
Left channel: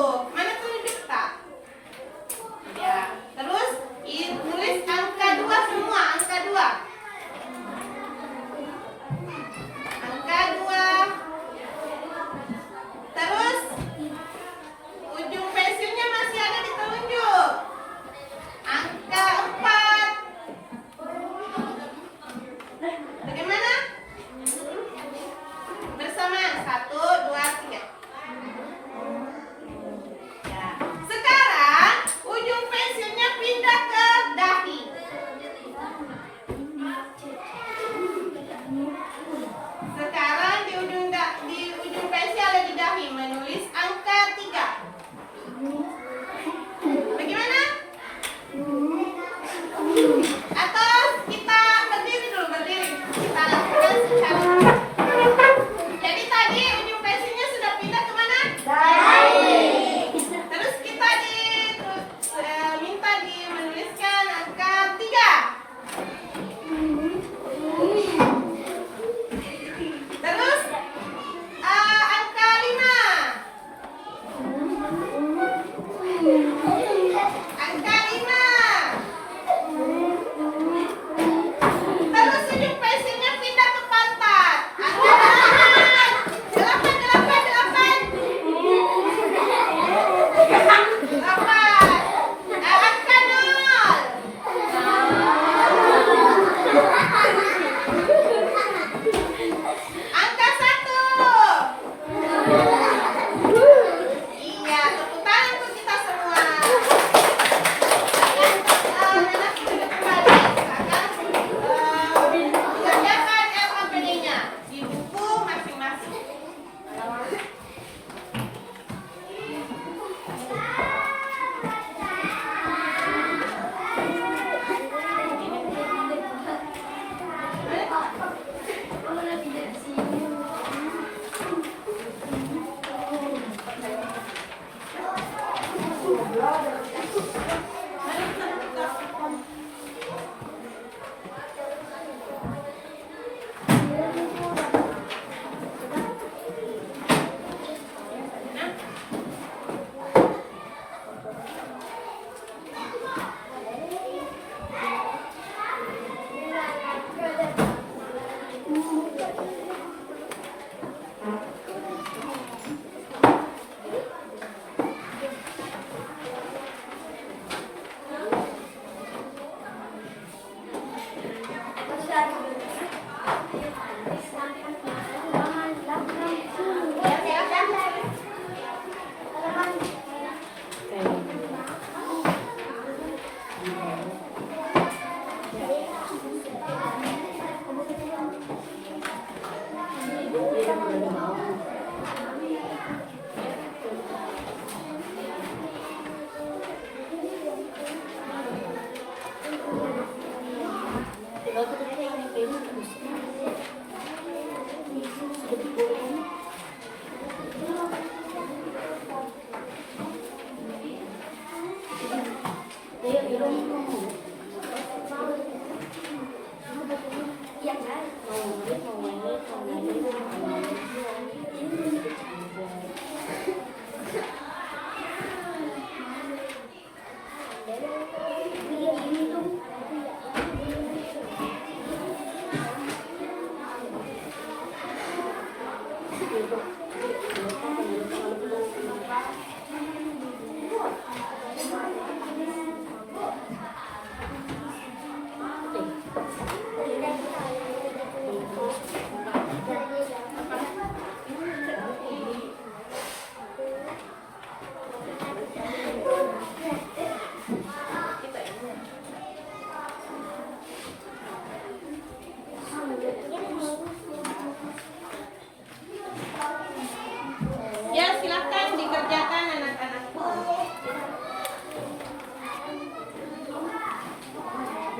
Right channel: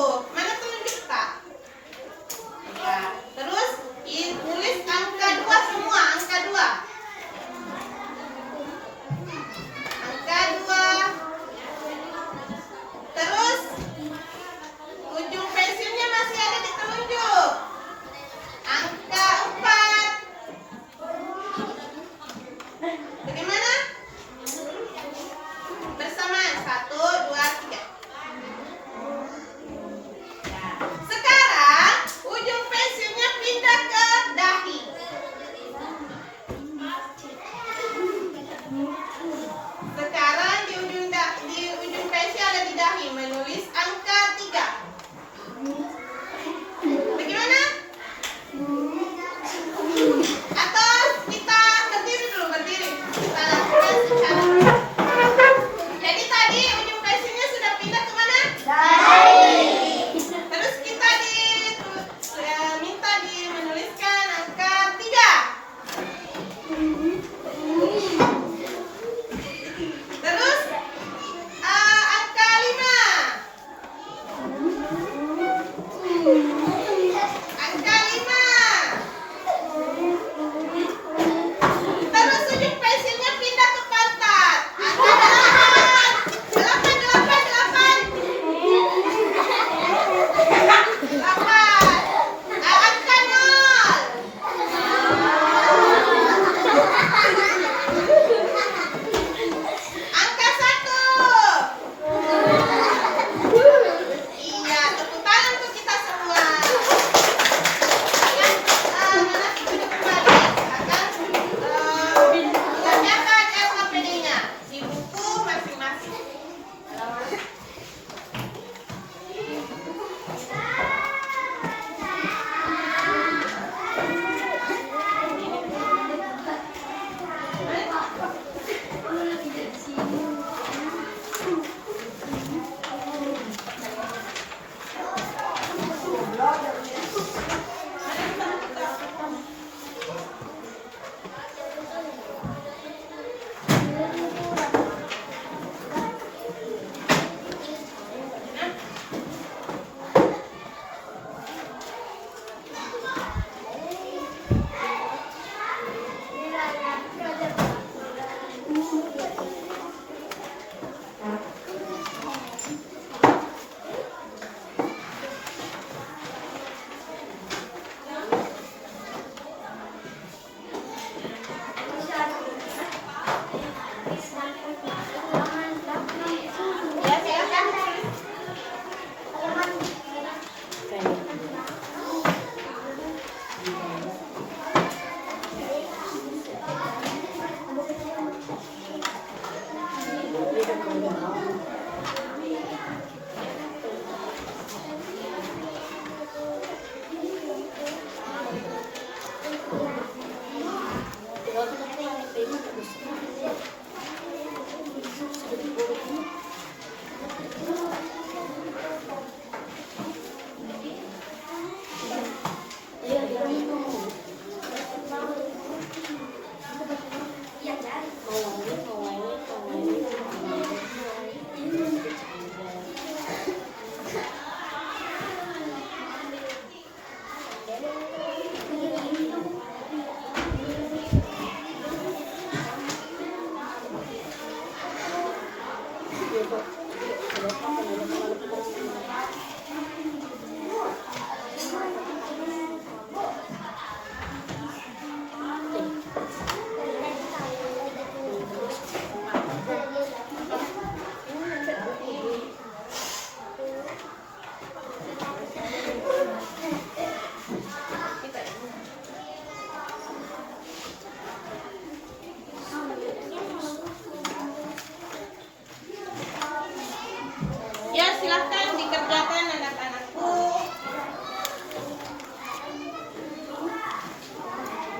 silakan dikerjakan anak-anakku.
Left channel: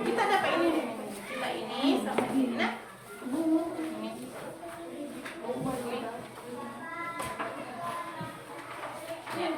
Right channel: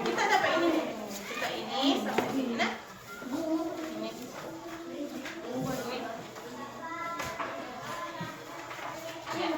Kita dapat ini. Kita ini sampai sini. Nah. Ini. Ini. Ya.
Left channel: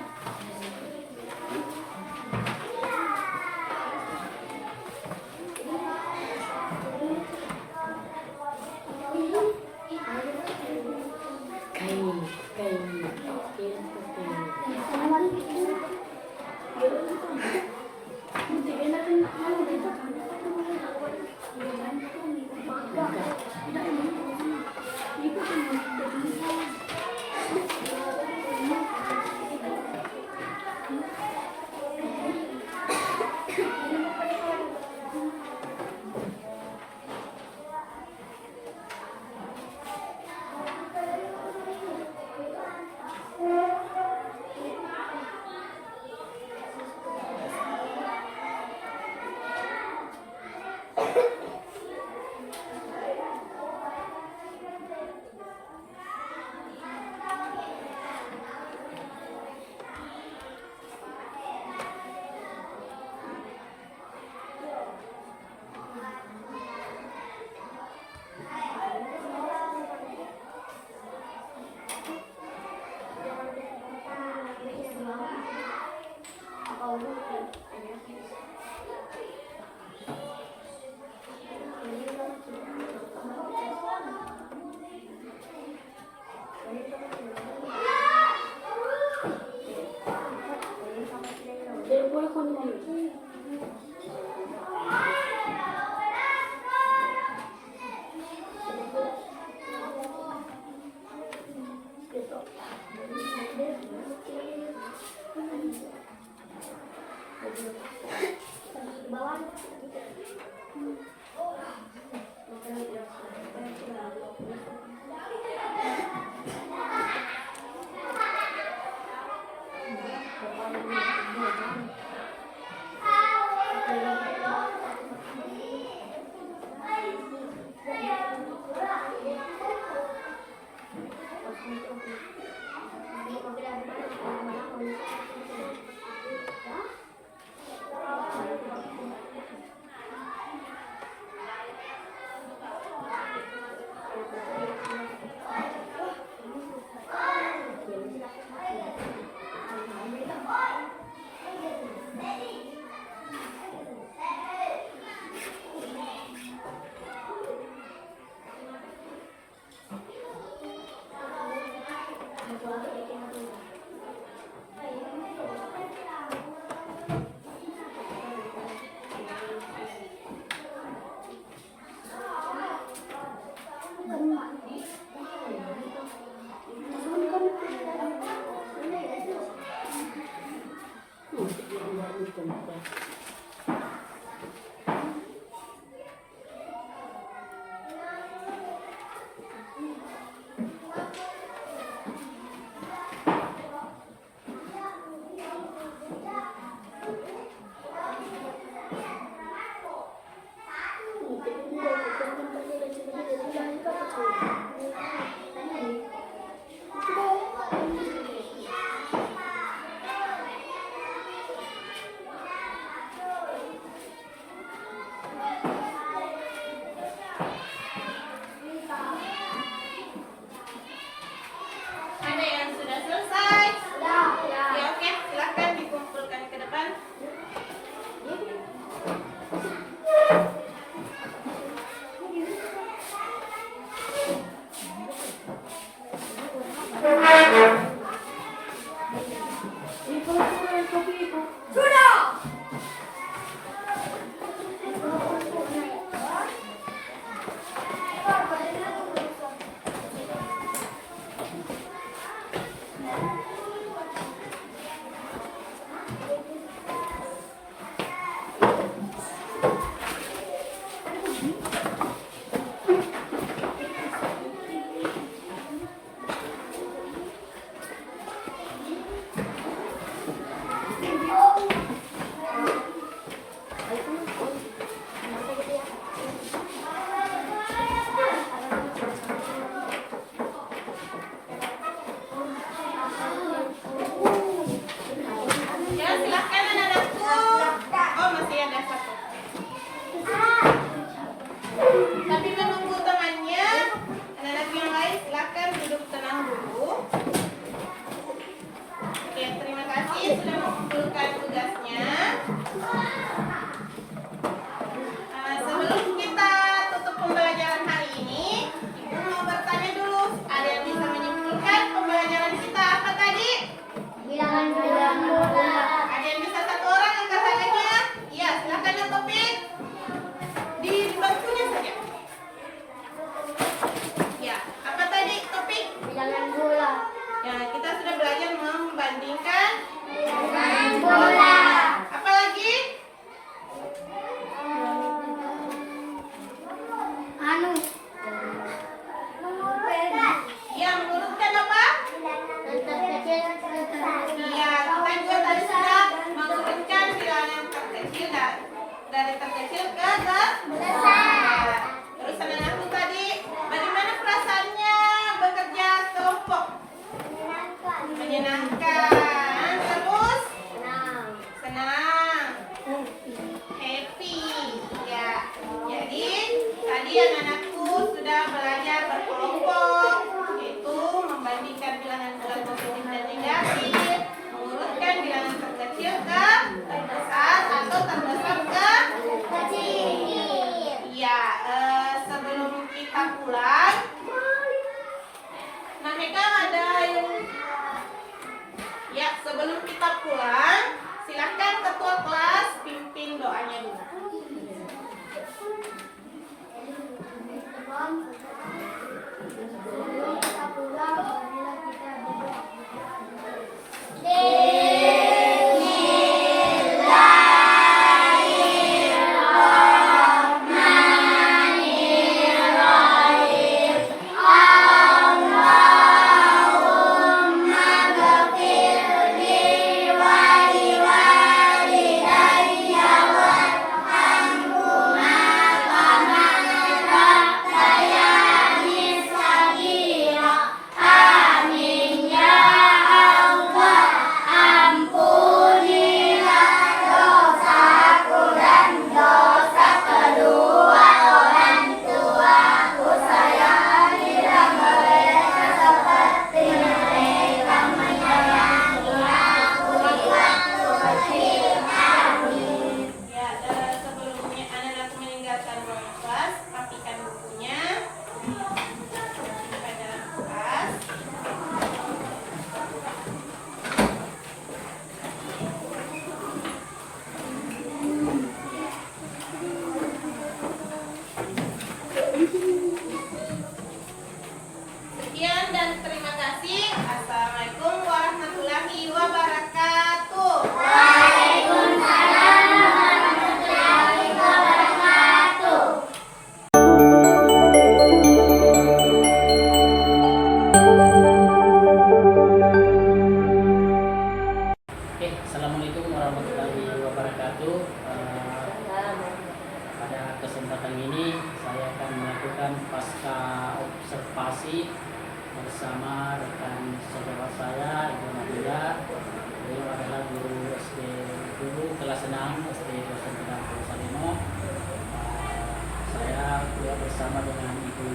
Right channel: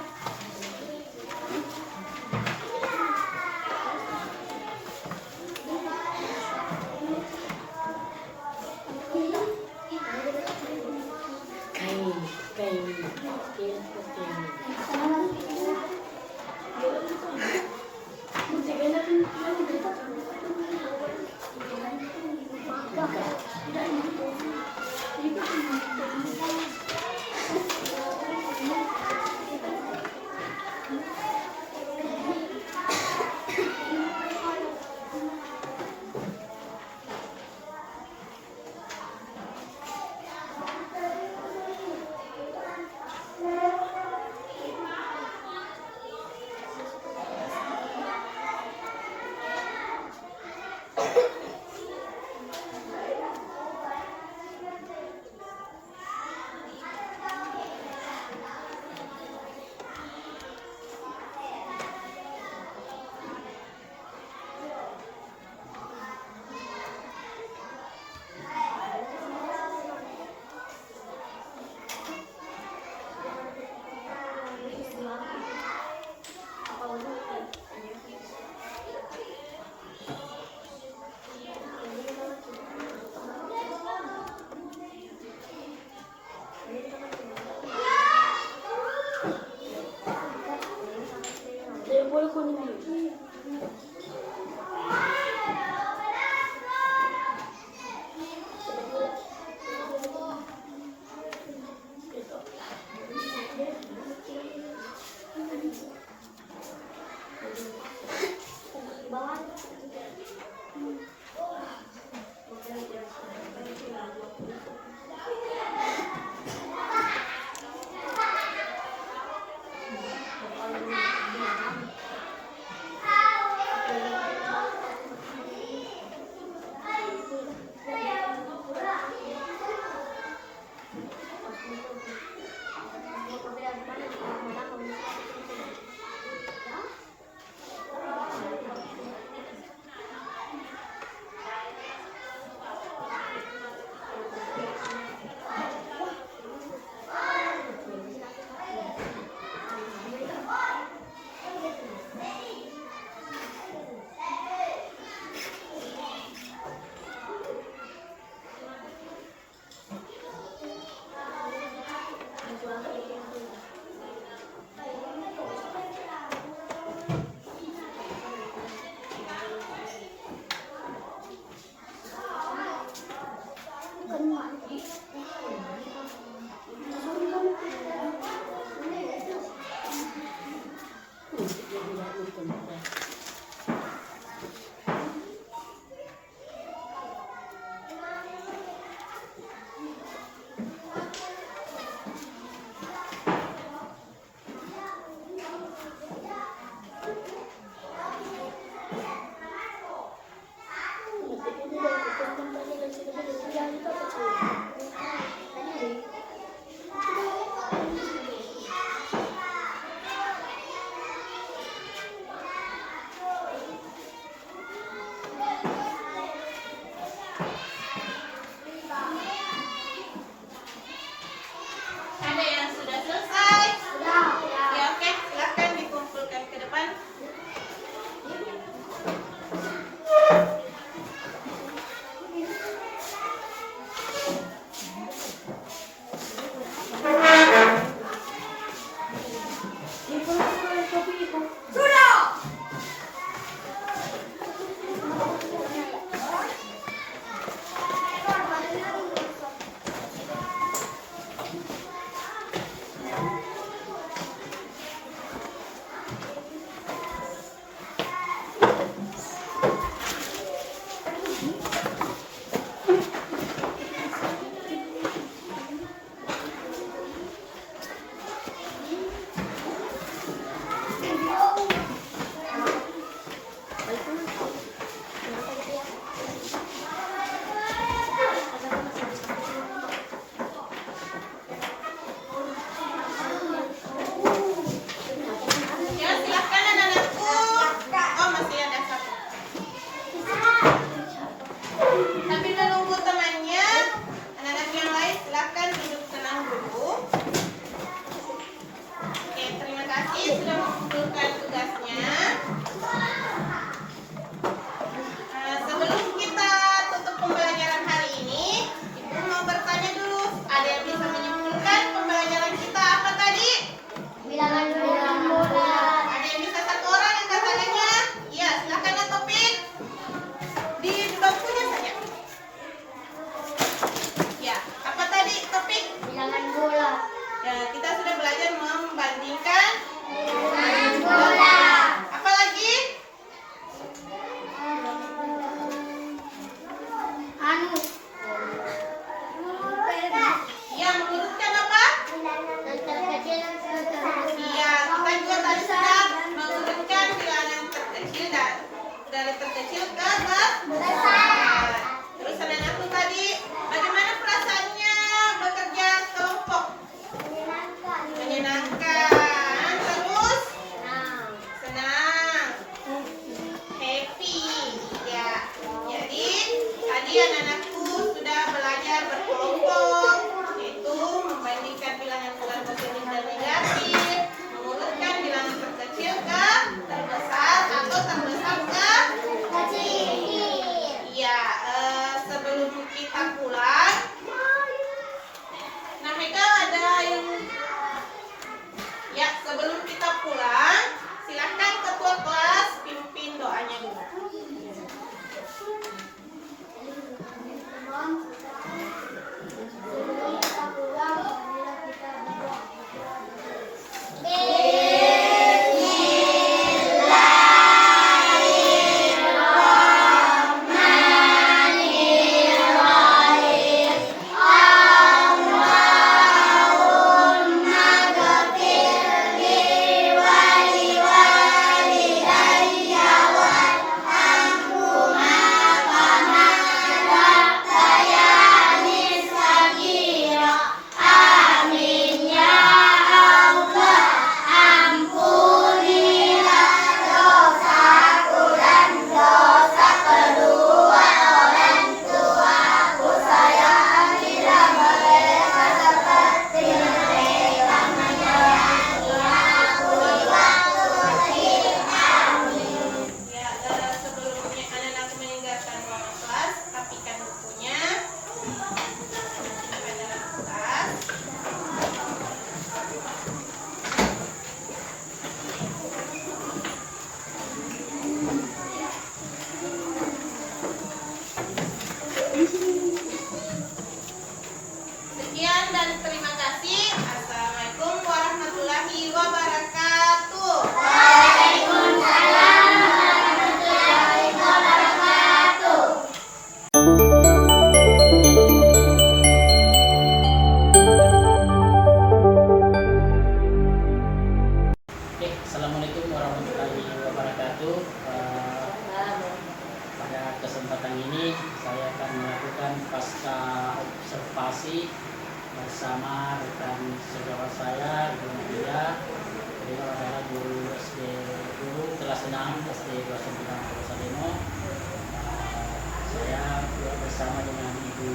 kasih sudah mengumpulkan tugasnya. Sebelum kita tutup pembelajaran hari ini, Ibu mau bertanya dulu. Ada yang bisa menyimpulkan pembelajaran kita apa tadi? Bilangan bulat. Ada yang bisa satu orang yang katakannya? Iya, silakan Topik. Di bangkunya saja. Ya, apa tadi Topik? Bilangan bulat. Ya, kita sudah belajar membandingkan Bilangan bulat. apa lagi? Anu. Ya, mengurutkan apa? Yang terkecil terbesar. Iya, kita juga tadi sudah mengurutkan bilangan yang terkecil dari terkecil ke terbesar. Terus anak-anakku tadi, bagaimana perasaannya bekerja kelompok? Menyenangkan. Terus senang, happy. Ya, jadi tadi anak-anakku sudah belajar berkelompok, yaitu membandingkan bilangan bulat positif dan negatif, mengurutkan bilangan terkecil ke terbesar atau terbesar ke kecil. Iya, sebelum kita pulang, nah Mega ada yang ya sebelum kita pulang, silahkan ketua kelas pimpin doanya dulu. Ya, sebelumnya anak-anak meninggalkan ruang kelas, rapikan bukunya, pelajaran kelas. Sekian dan terima kasih. Assalamualaikum warahmatullahi wabarakatuh. Oke, assalamualaikum warahmatullahi wabarakatuh. Pada kesempatan ini saya akan melakukan pasca observasi bersama rekan sejawat saya, Ibu Nadia. Beliau adalah guru kelas 6 SD 29 Salino. Saya juga bersama dengan Ibu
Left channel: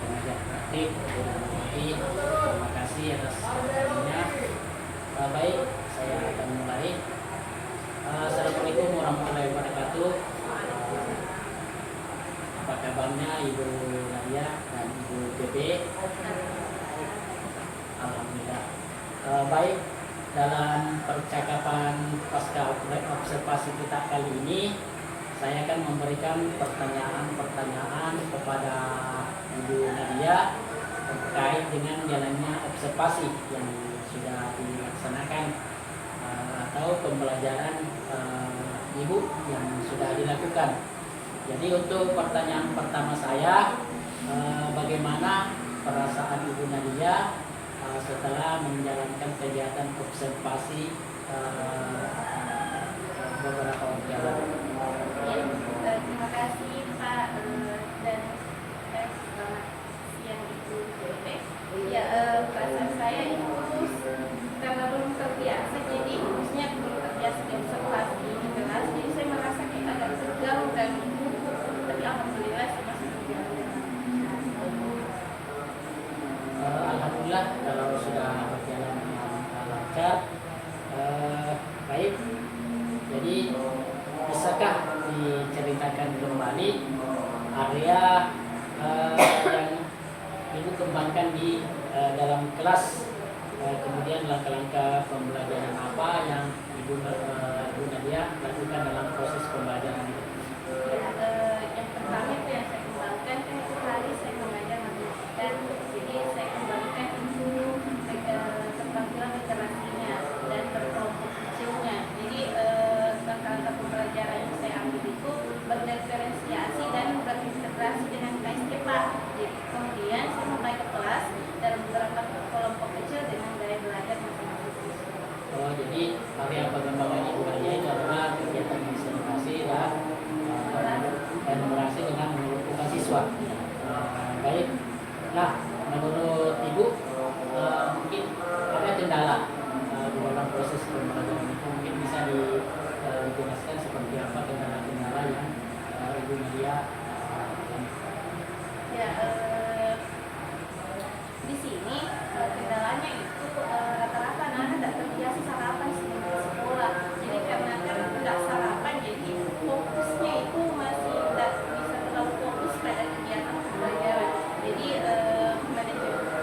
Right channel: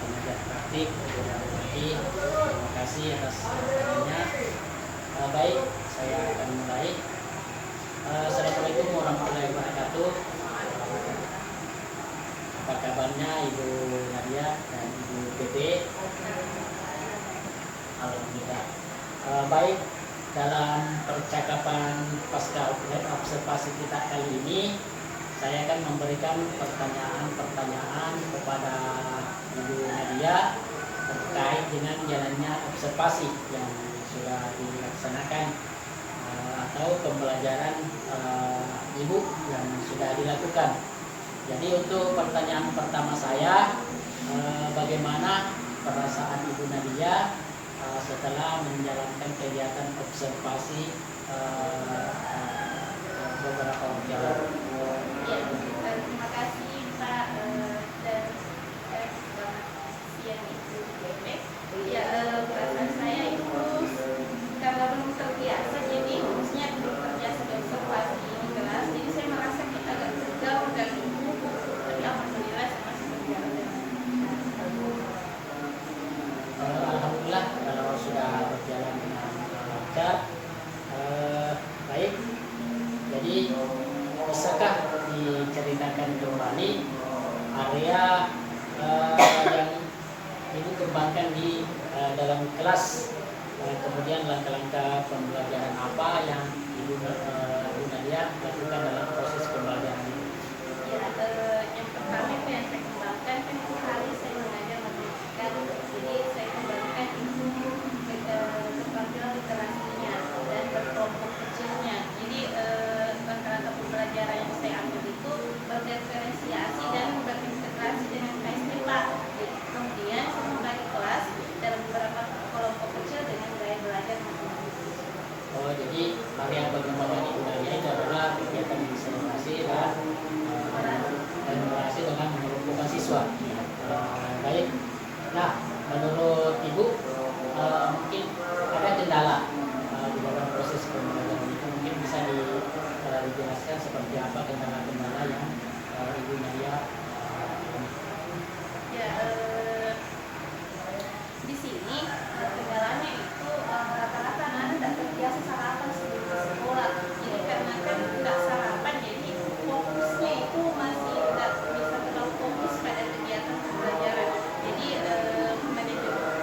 pengajar praktik, Ibu Nadia. Terima kasih atas perhatiannya. Baik, saya akan mulai. Assalamualaikum warahmatullahi wabarakatuh. Apa kabarnya Ibu Nadia dan Ibu Bebe? Alhamdulillah. Baik, dalam percakapan pasca observasi kita kali ini, saya akan memberikan pertanyaan-pertanyaan kepada Ibu Nadia terkait dengan jalannya observasi yang sudah dilaksanakan atau pembelajaran Ibu yang sudah dilakukan. Jadi untuk pertanyaan pertama saya, bagaimana perasaan Ibu Nadia setelah menjalankan kegiatan observasi beberapa waktu yang lalu? Terima kasih Pak dan selamat siang Ibu Bebe. Ya, perasaan saya itu karena belum terbiasa, jadi maksudnya belum terbiasa di observasi di kelas, jadi saya merasa kayak agak tegang dan tapi alhamdulillah saya masih berjalan. Alhamdulillah kalau sudah berjalan dengan lancar. Jadi bisakah diceritakan kembali area yang Ibu kembangkan di dalam kelas, kemudian langkah-langkah pembelajaran apa yang Ibu Nadia lakukan dalam proses pembelajaran itu? Ya, yang pertama itu yang saya kembangkan kan itu kali saya mengajar menuliskan, jadi saya kembangkan itu keterampilan literasinya dan berkelompok kecilnya. Jadi langkah-langkah pembelajaran yang saya ambil itu berdiferensiasi dan berintegrasi dengan KSTPA. Kemudian saya membagi kelas dalam beberapa kelompok kecil dengan gaya belajar masing-masing siswa. Oh, jadi area pengembangan Ibu Nadia itu adalah kegiatan inspirasi dan kolaborasi dengan mengumpulkan siswa. Baik. Nah, menurut Ibu mungkin ada kendala di dalam proses pembelajaran itu, mungkin bisa dijelaskan seperti apa kendala-kendala yang Ibu Nadia alami? Ya, di sini kendalanya itu rata-rata anak-anak tidak terbiasa sarapan sebelum ke sekolah. Jadi karena kan nggak sarapan, jadi fokusnya itu masih tidak bisa terlalu fokus pada kegiatan pembelajaran. Jadi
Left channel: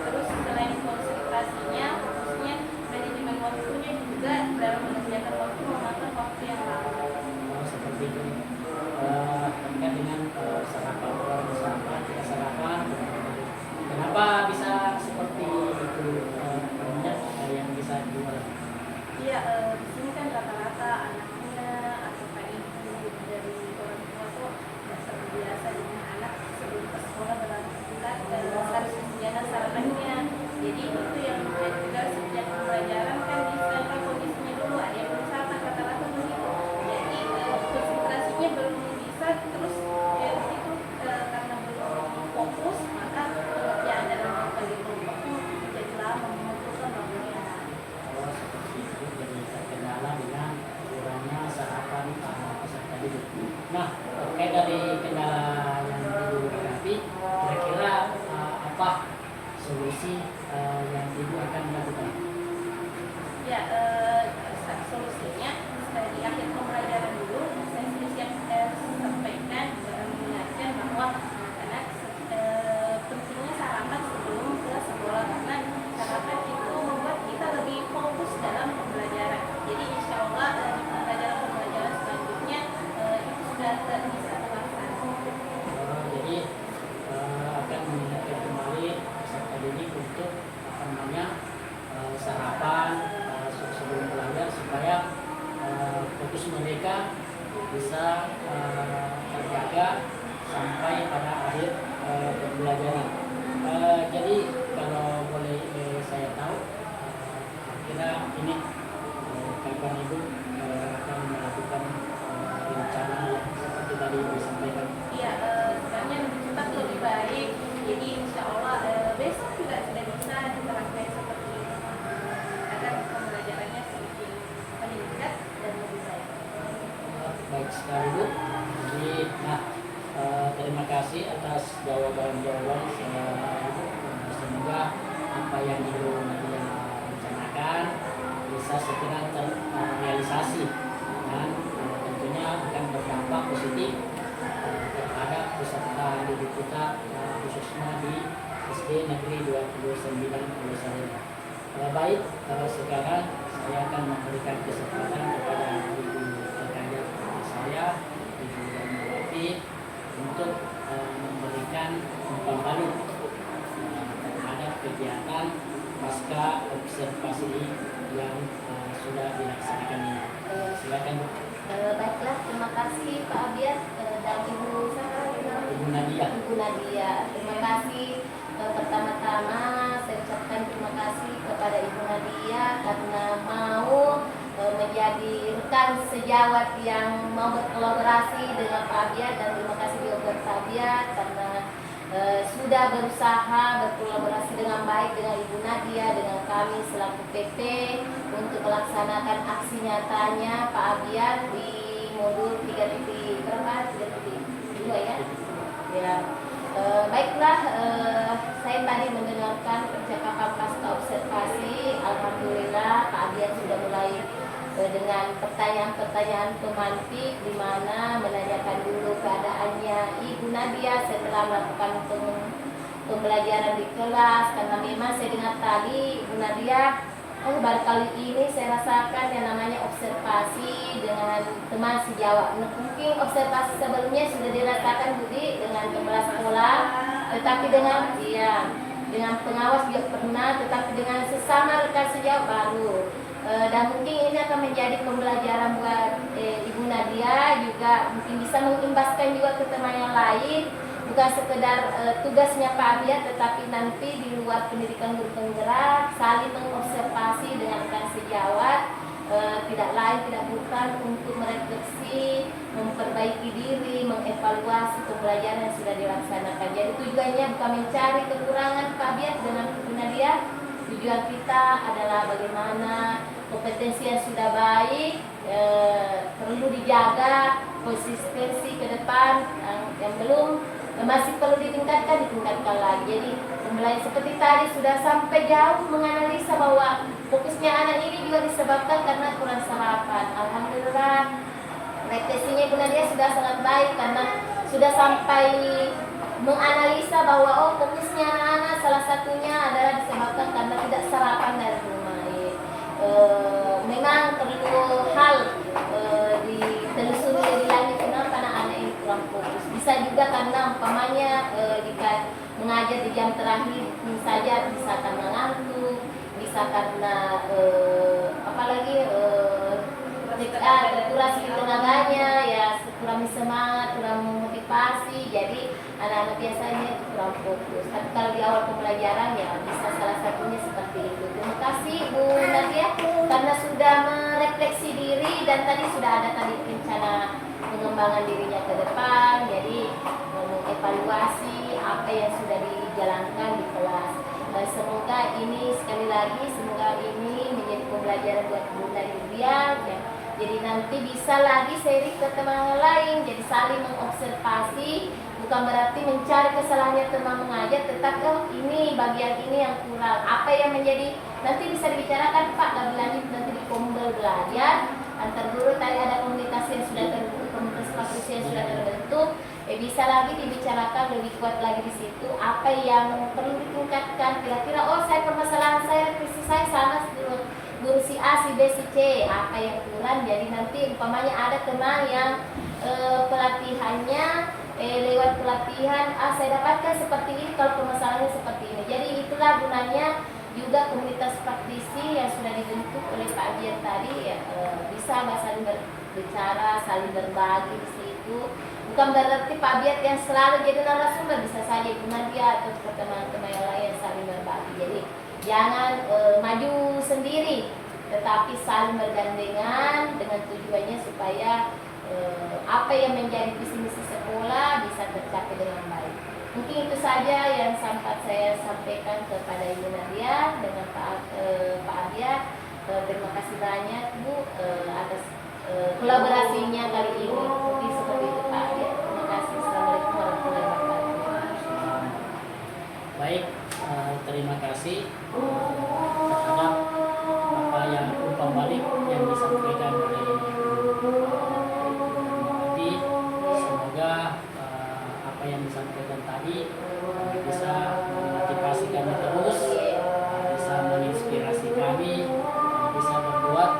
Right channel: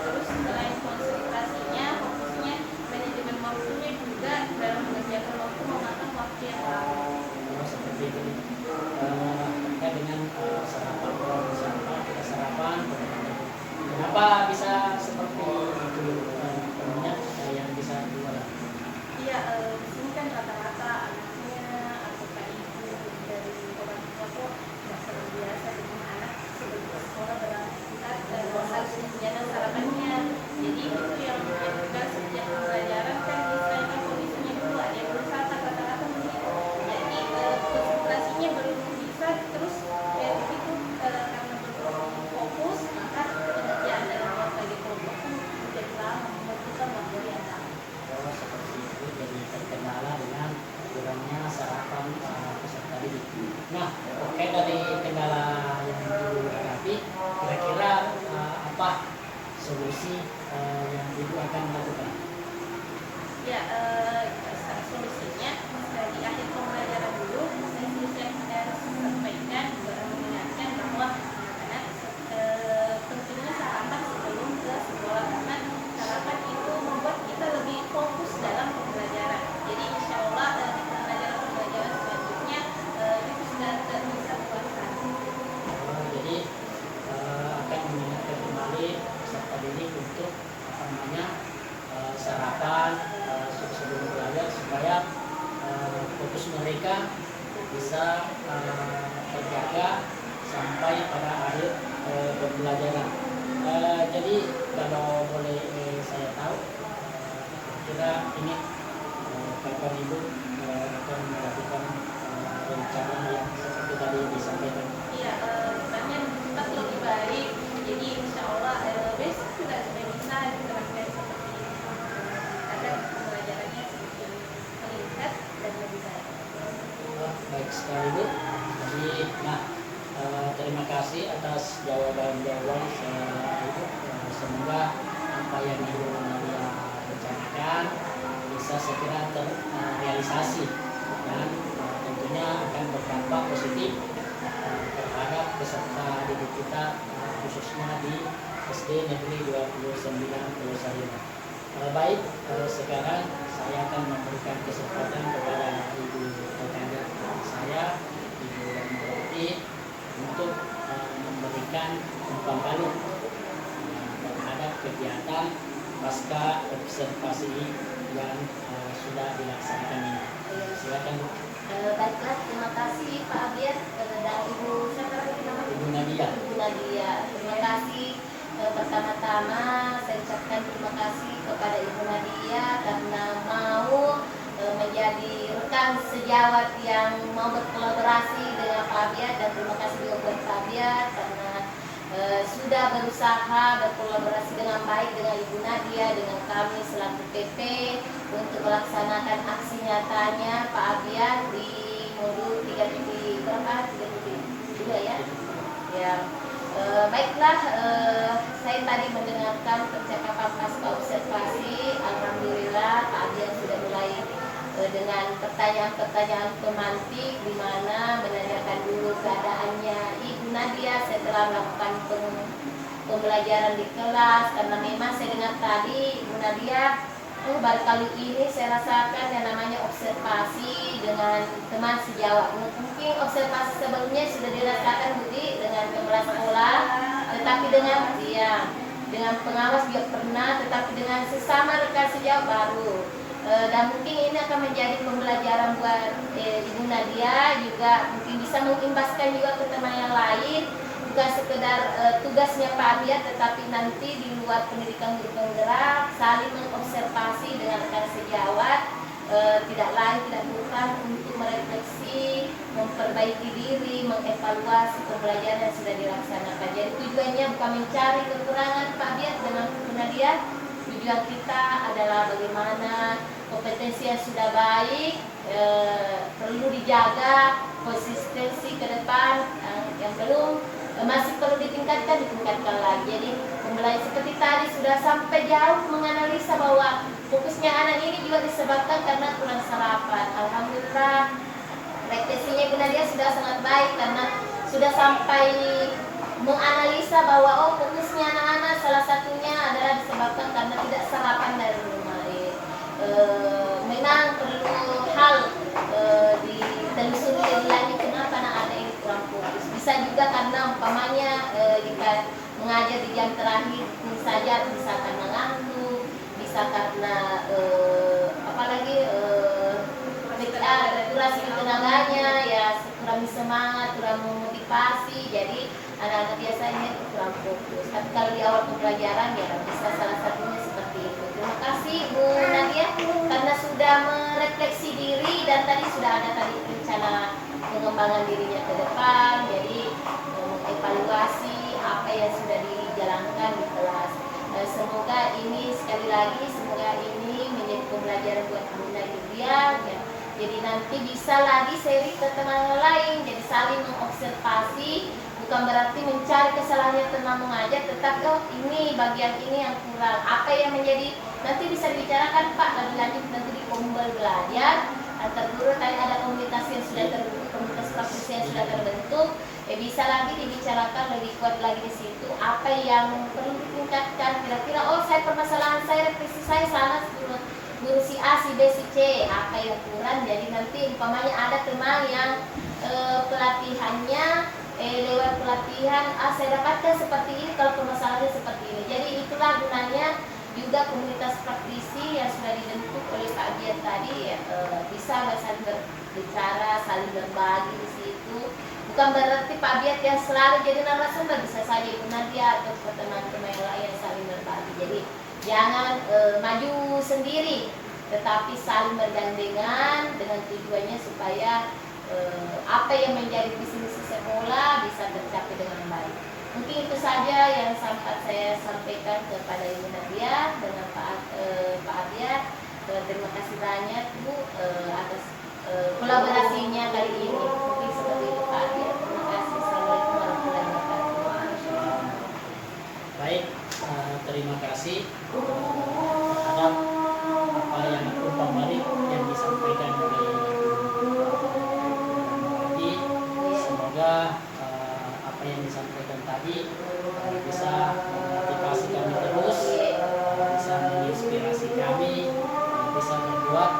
terus selain konsentrasinya, fokusnya manajemen waktunya juga dalam mengerjakan waktu memakan waktu yang lama. Oh, seperti itu. Terkait dengan sarapan, orang sarapan, tidak sarapan, kenapa bisa seperti itu yang bisa diulang? Iya, di sini kan rata-rata anaknya atau pak ibu dari orang tua tuh nggak terbiasa dengan anak sebelum ke sekolah beraktivitas dan harus disediakan sarapannya. Jadi itu yang juga sejak pembelajaran kan misalnya kondisinya dulu ada yang belum sarapan rata-rata begitu. Jadi konsentrasinya belum bisa terus kayak begitu karena belum fokus maka pengerjaan dalam berbagai kelompoknya menjadi lama membutuhkan waktu yang lama. Oh, seperti itu. Jadi terkendala dengan kurangnya sarapan peserta didik. Nah, terkait dari kendala yang Ibu hadapi, kira-kira apa solusi yang Ibu akan lakukan? Ya, solusinya di akhir pembelajaran dulu saya siap sampaikan mengingatkan bahwa anak-anak pentingnya sarapan sebelum ke sekolah karena sarapan itu membuat kita lebih fokus dalam pembelajaran. Jadi insya Allah di pembelajaran selanjutnya itu sudah bisa terlaksana. Jadi akan mengingatkan kembali peserta didik untuk sarapan sebelum belajar supaya fokus mereka bisa terjaga sampai pada akhir pembelajaran. Jadi kalau boleh saya tahu, kira ini kapan Ibu akan melakukan rencana yang seperti tadi disampaikan? Iya, sebenarnya lebih cepat lebih baik. Jadi insya Allah besok juga sudah bisa diterapkan seperti ini. Agar pembelajarannya semakin meningkat dan lebih baik. Baik sekali Bu. Jadi, terima kasih atas jawaban-jawaban Ibu. Semoga apa yang Ibu Nadia rencanakan bisa segera terrealisasi dan tentunya akan berdampak positif terhadap peserta didik kita, khususnya di SD Negeri 29 Pulau Sarima. Baik, sekarang saya akan memberikan kesempatan kepada Ibu rekan saya, Ibu Rahmawati, untuk memberikan umpan balik terhadap kegiatan pasca observasi yang sudah dilaksanakan ini. Silakan Bu. Baiklah, terima kasih Pak Abiat dan Ibu Ibu Nadia. Ibu Nadia. Terima kasih. Pertama-tama saya ucapkan terima kasih kepada Ibu Nadia karena mau menjadi rekan sejawat yang mau berkolaborasi dengan Pak Abiat, dan terima kasih juga buat Pak Abiat karena sudah berusaha berkolaborasi dengan baik dengan Ibu Nadia, dengan kami selaku PP untuk melaksanakan aksi nyatanya Pak Abiat di modul 3.2 ya. Ya. Baiklah, saya tadi mendengarkan percakapan pasca observasi. Alhamdulillah Pak Abiat sudah mulai dengan pertanyaan-pertanyaan pemantik di mana menanyakan dulu keadaannya Ibu Nadia setelah melakukan pembelajaran di kelas, karena memang saya dengar tadi Ibu Nadia baru kali ini saya rasakan yang namanya observasi dengan teman sejawat. Mungkin observasi sebelumnya sudah dirasakan Budi dengan kepala sekolah, tetapi dengan pengawas juga pernah, tetapi dengan sesama rekan sejawat baru. Dan mungkin ini akan menjadi pembelajaran buat Ibu Nadia, juga mungkin bisa mengimbaskan juga ke teman yang lain, bukan sekedar tugasnya Pak Abiyat, tetapi nanti di luar pendidikan guru penggerak saling mengobservasi dengan rekan sejawat, tidak lain tidak bukan untuk merefleksi, memperbaiki diri, mengevaluasi pembelajaran yang sudah dilaksanakan. Jadi tujuannya bukan mencari kekurangan Pak Abiyat dengan Ibu Nadia. Tujuan kita adalah bagaimana kompetensi yang sudah baik perlu dijaga, konsistensi ke depan yang belum masih perlu ditingkatkan lagi. Jadi pembelajaran seperti tadi sudah sampai jauh menganalisa bahwa fokusnya anak ini juga disebabkan karena kurang sarapan. Alhamdulillah refleksinya Ibu Nadia sudah sangat baik karena sudah sampai menganalisa bahwa fokusnya anak-anak salah satunya adalah disebabkan karena tidak sarapan dari rumah. Memang perlu hal ditelusuri lebih lanjut kenapa anak-anak ini kurang fokus. Bisa juga karena umpamanya jika mengajar di jam terakhir saja bisa karena ngantuk, bisa karena apalagi kurang tenaganya, ya kurang semangat, kurang memotivasi. Jadi anak-anak biasanya kurang fokus. Tapi kalau di awal pembelajaran ya bisa salah satunya seperti itu. Terima kasih Bu Nadia karena sudah merefleksi diri dan tadi sudah ada tadi rencana pengembangan dirinya ke depan. Jadi mengevaluasi apa yang sudah dijalankan di kelas. Semoga ini sekali lagi ini menjadi pembelajaran buat Bu Nadia ya. Jadi nanti bisa lagi seri ke teman lain, jadi saling mengobservasi, bukan berarti mencari kesalahannya teman mengajar, tetapi ini bagian ini yang kurang, apa yang menjadi nanti bisa dibicarakan Pak lebih lanjut nanti di kombel belajar antar guru. Tadi ada komunitas yang sudah terbentuk, komunitas praktisi yang sudah terbentuk, bisa lagi dibicarakan lebih kuat lagi di situ apa yang perlu ditingkatkan. Kira-kira saya permasalahan saya, revisi saya salah guru si A, si B, si C, apa yang kurang. Jadi nanti umpamanya ada teman yang pelatihannya lewat pelatihan saya dapatkan seperti ini kalau permasalahannya seperti ini. Jadi itulah gunanya juga komunitas praktisi yang sudah dibentuk oleh Pak Dian tadi bisa saling berbicara, saling berbagi di situ. Bukan berarti Pak Biat yang selalu jadi narasumber, bisa saja Ibu Nadia atau teman-teman yang lain saling berbagi. Jadi jangan maju sendiri, tetapi saling bergandengan dengan tujuannya supaya apa yang menjadi visi misi sekolah bisa tercapai dengan baik. Mungkin itu saja yang sempat saya sampaikan kepada Ibu Nadia dengan Pak Arya. Terima kasih banyak Bu atas kolaborasinya kali ini. Mungkin seperti itu Pak Arya. Terima kasih. Assalamualaikum warahmatullahi wabarakatuh. Baik, terima kasih terhadap apa yang umpan balik yang disampaikan oleh tadi. Semoga apa yang disampaikan tadi bisa memotivasi kami terus, bisa menginspirasi kami, bisa berbuat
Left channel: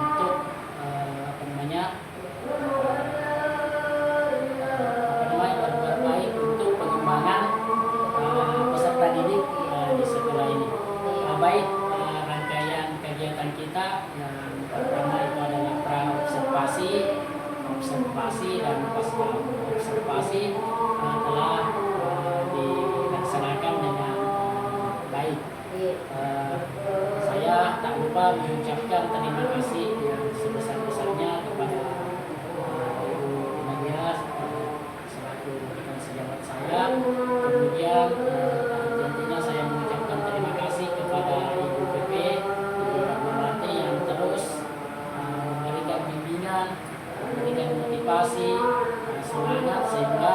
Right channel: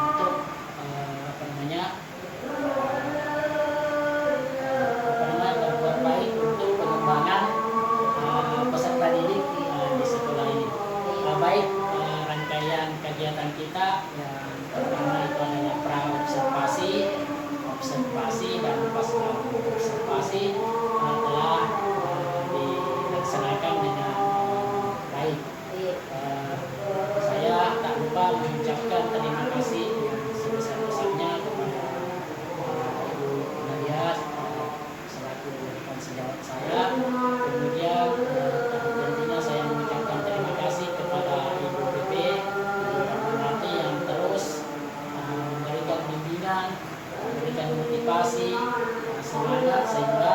untuk berbuat baik untuk pengembangan peserta didik di sekolah ini. Baik, rangkaian kegiatan kita yang pertama itu adalah pra-observasi, observasi dan pasca observasi telah dilaksanakan dengan baik. Saya tak lupa mengucapkan terima kasih yang sebesar-besarnya kepada Ibu Nadia selaku rekan sejawat saya. Kemudian tentunya saya mengucapkan terima kasih kepada Ibu PP, Ibu Rahmawati yang terus memberikan bimbingan, memberikan motivasi, semangat sehingga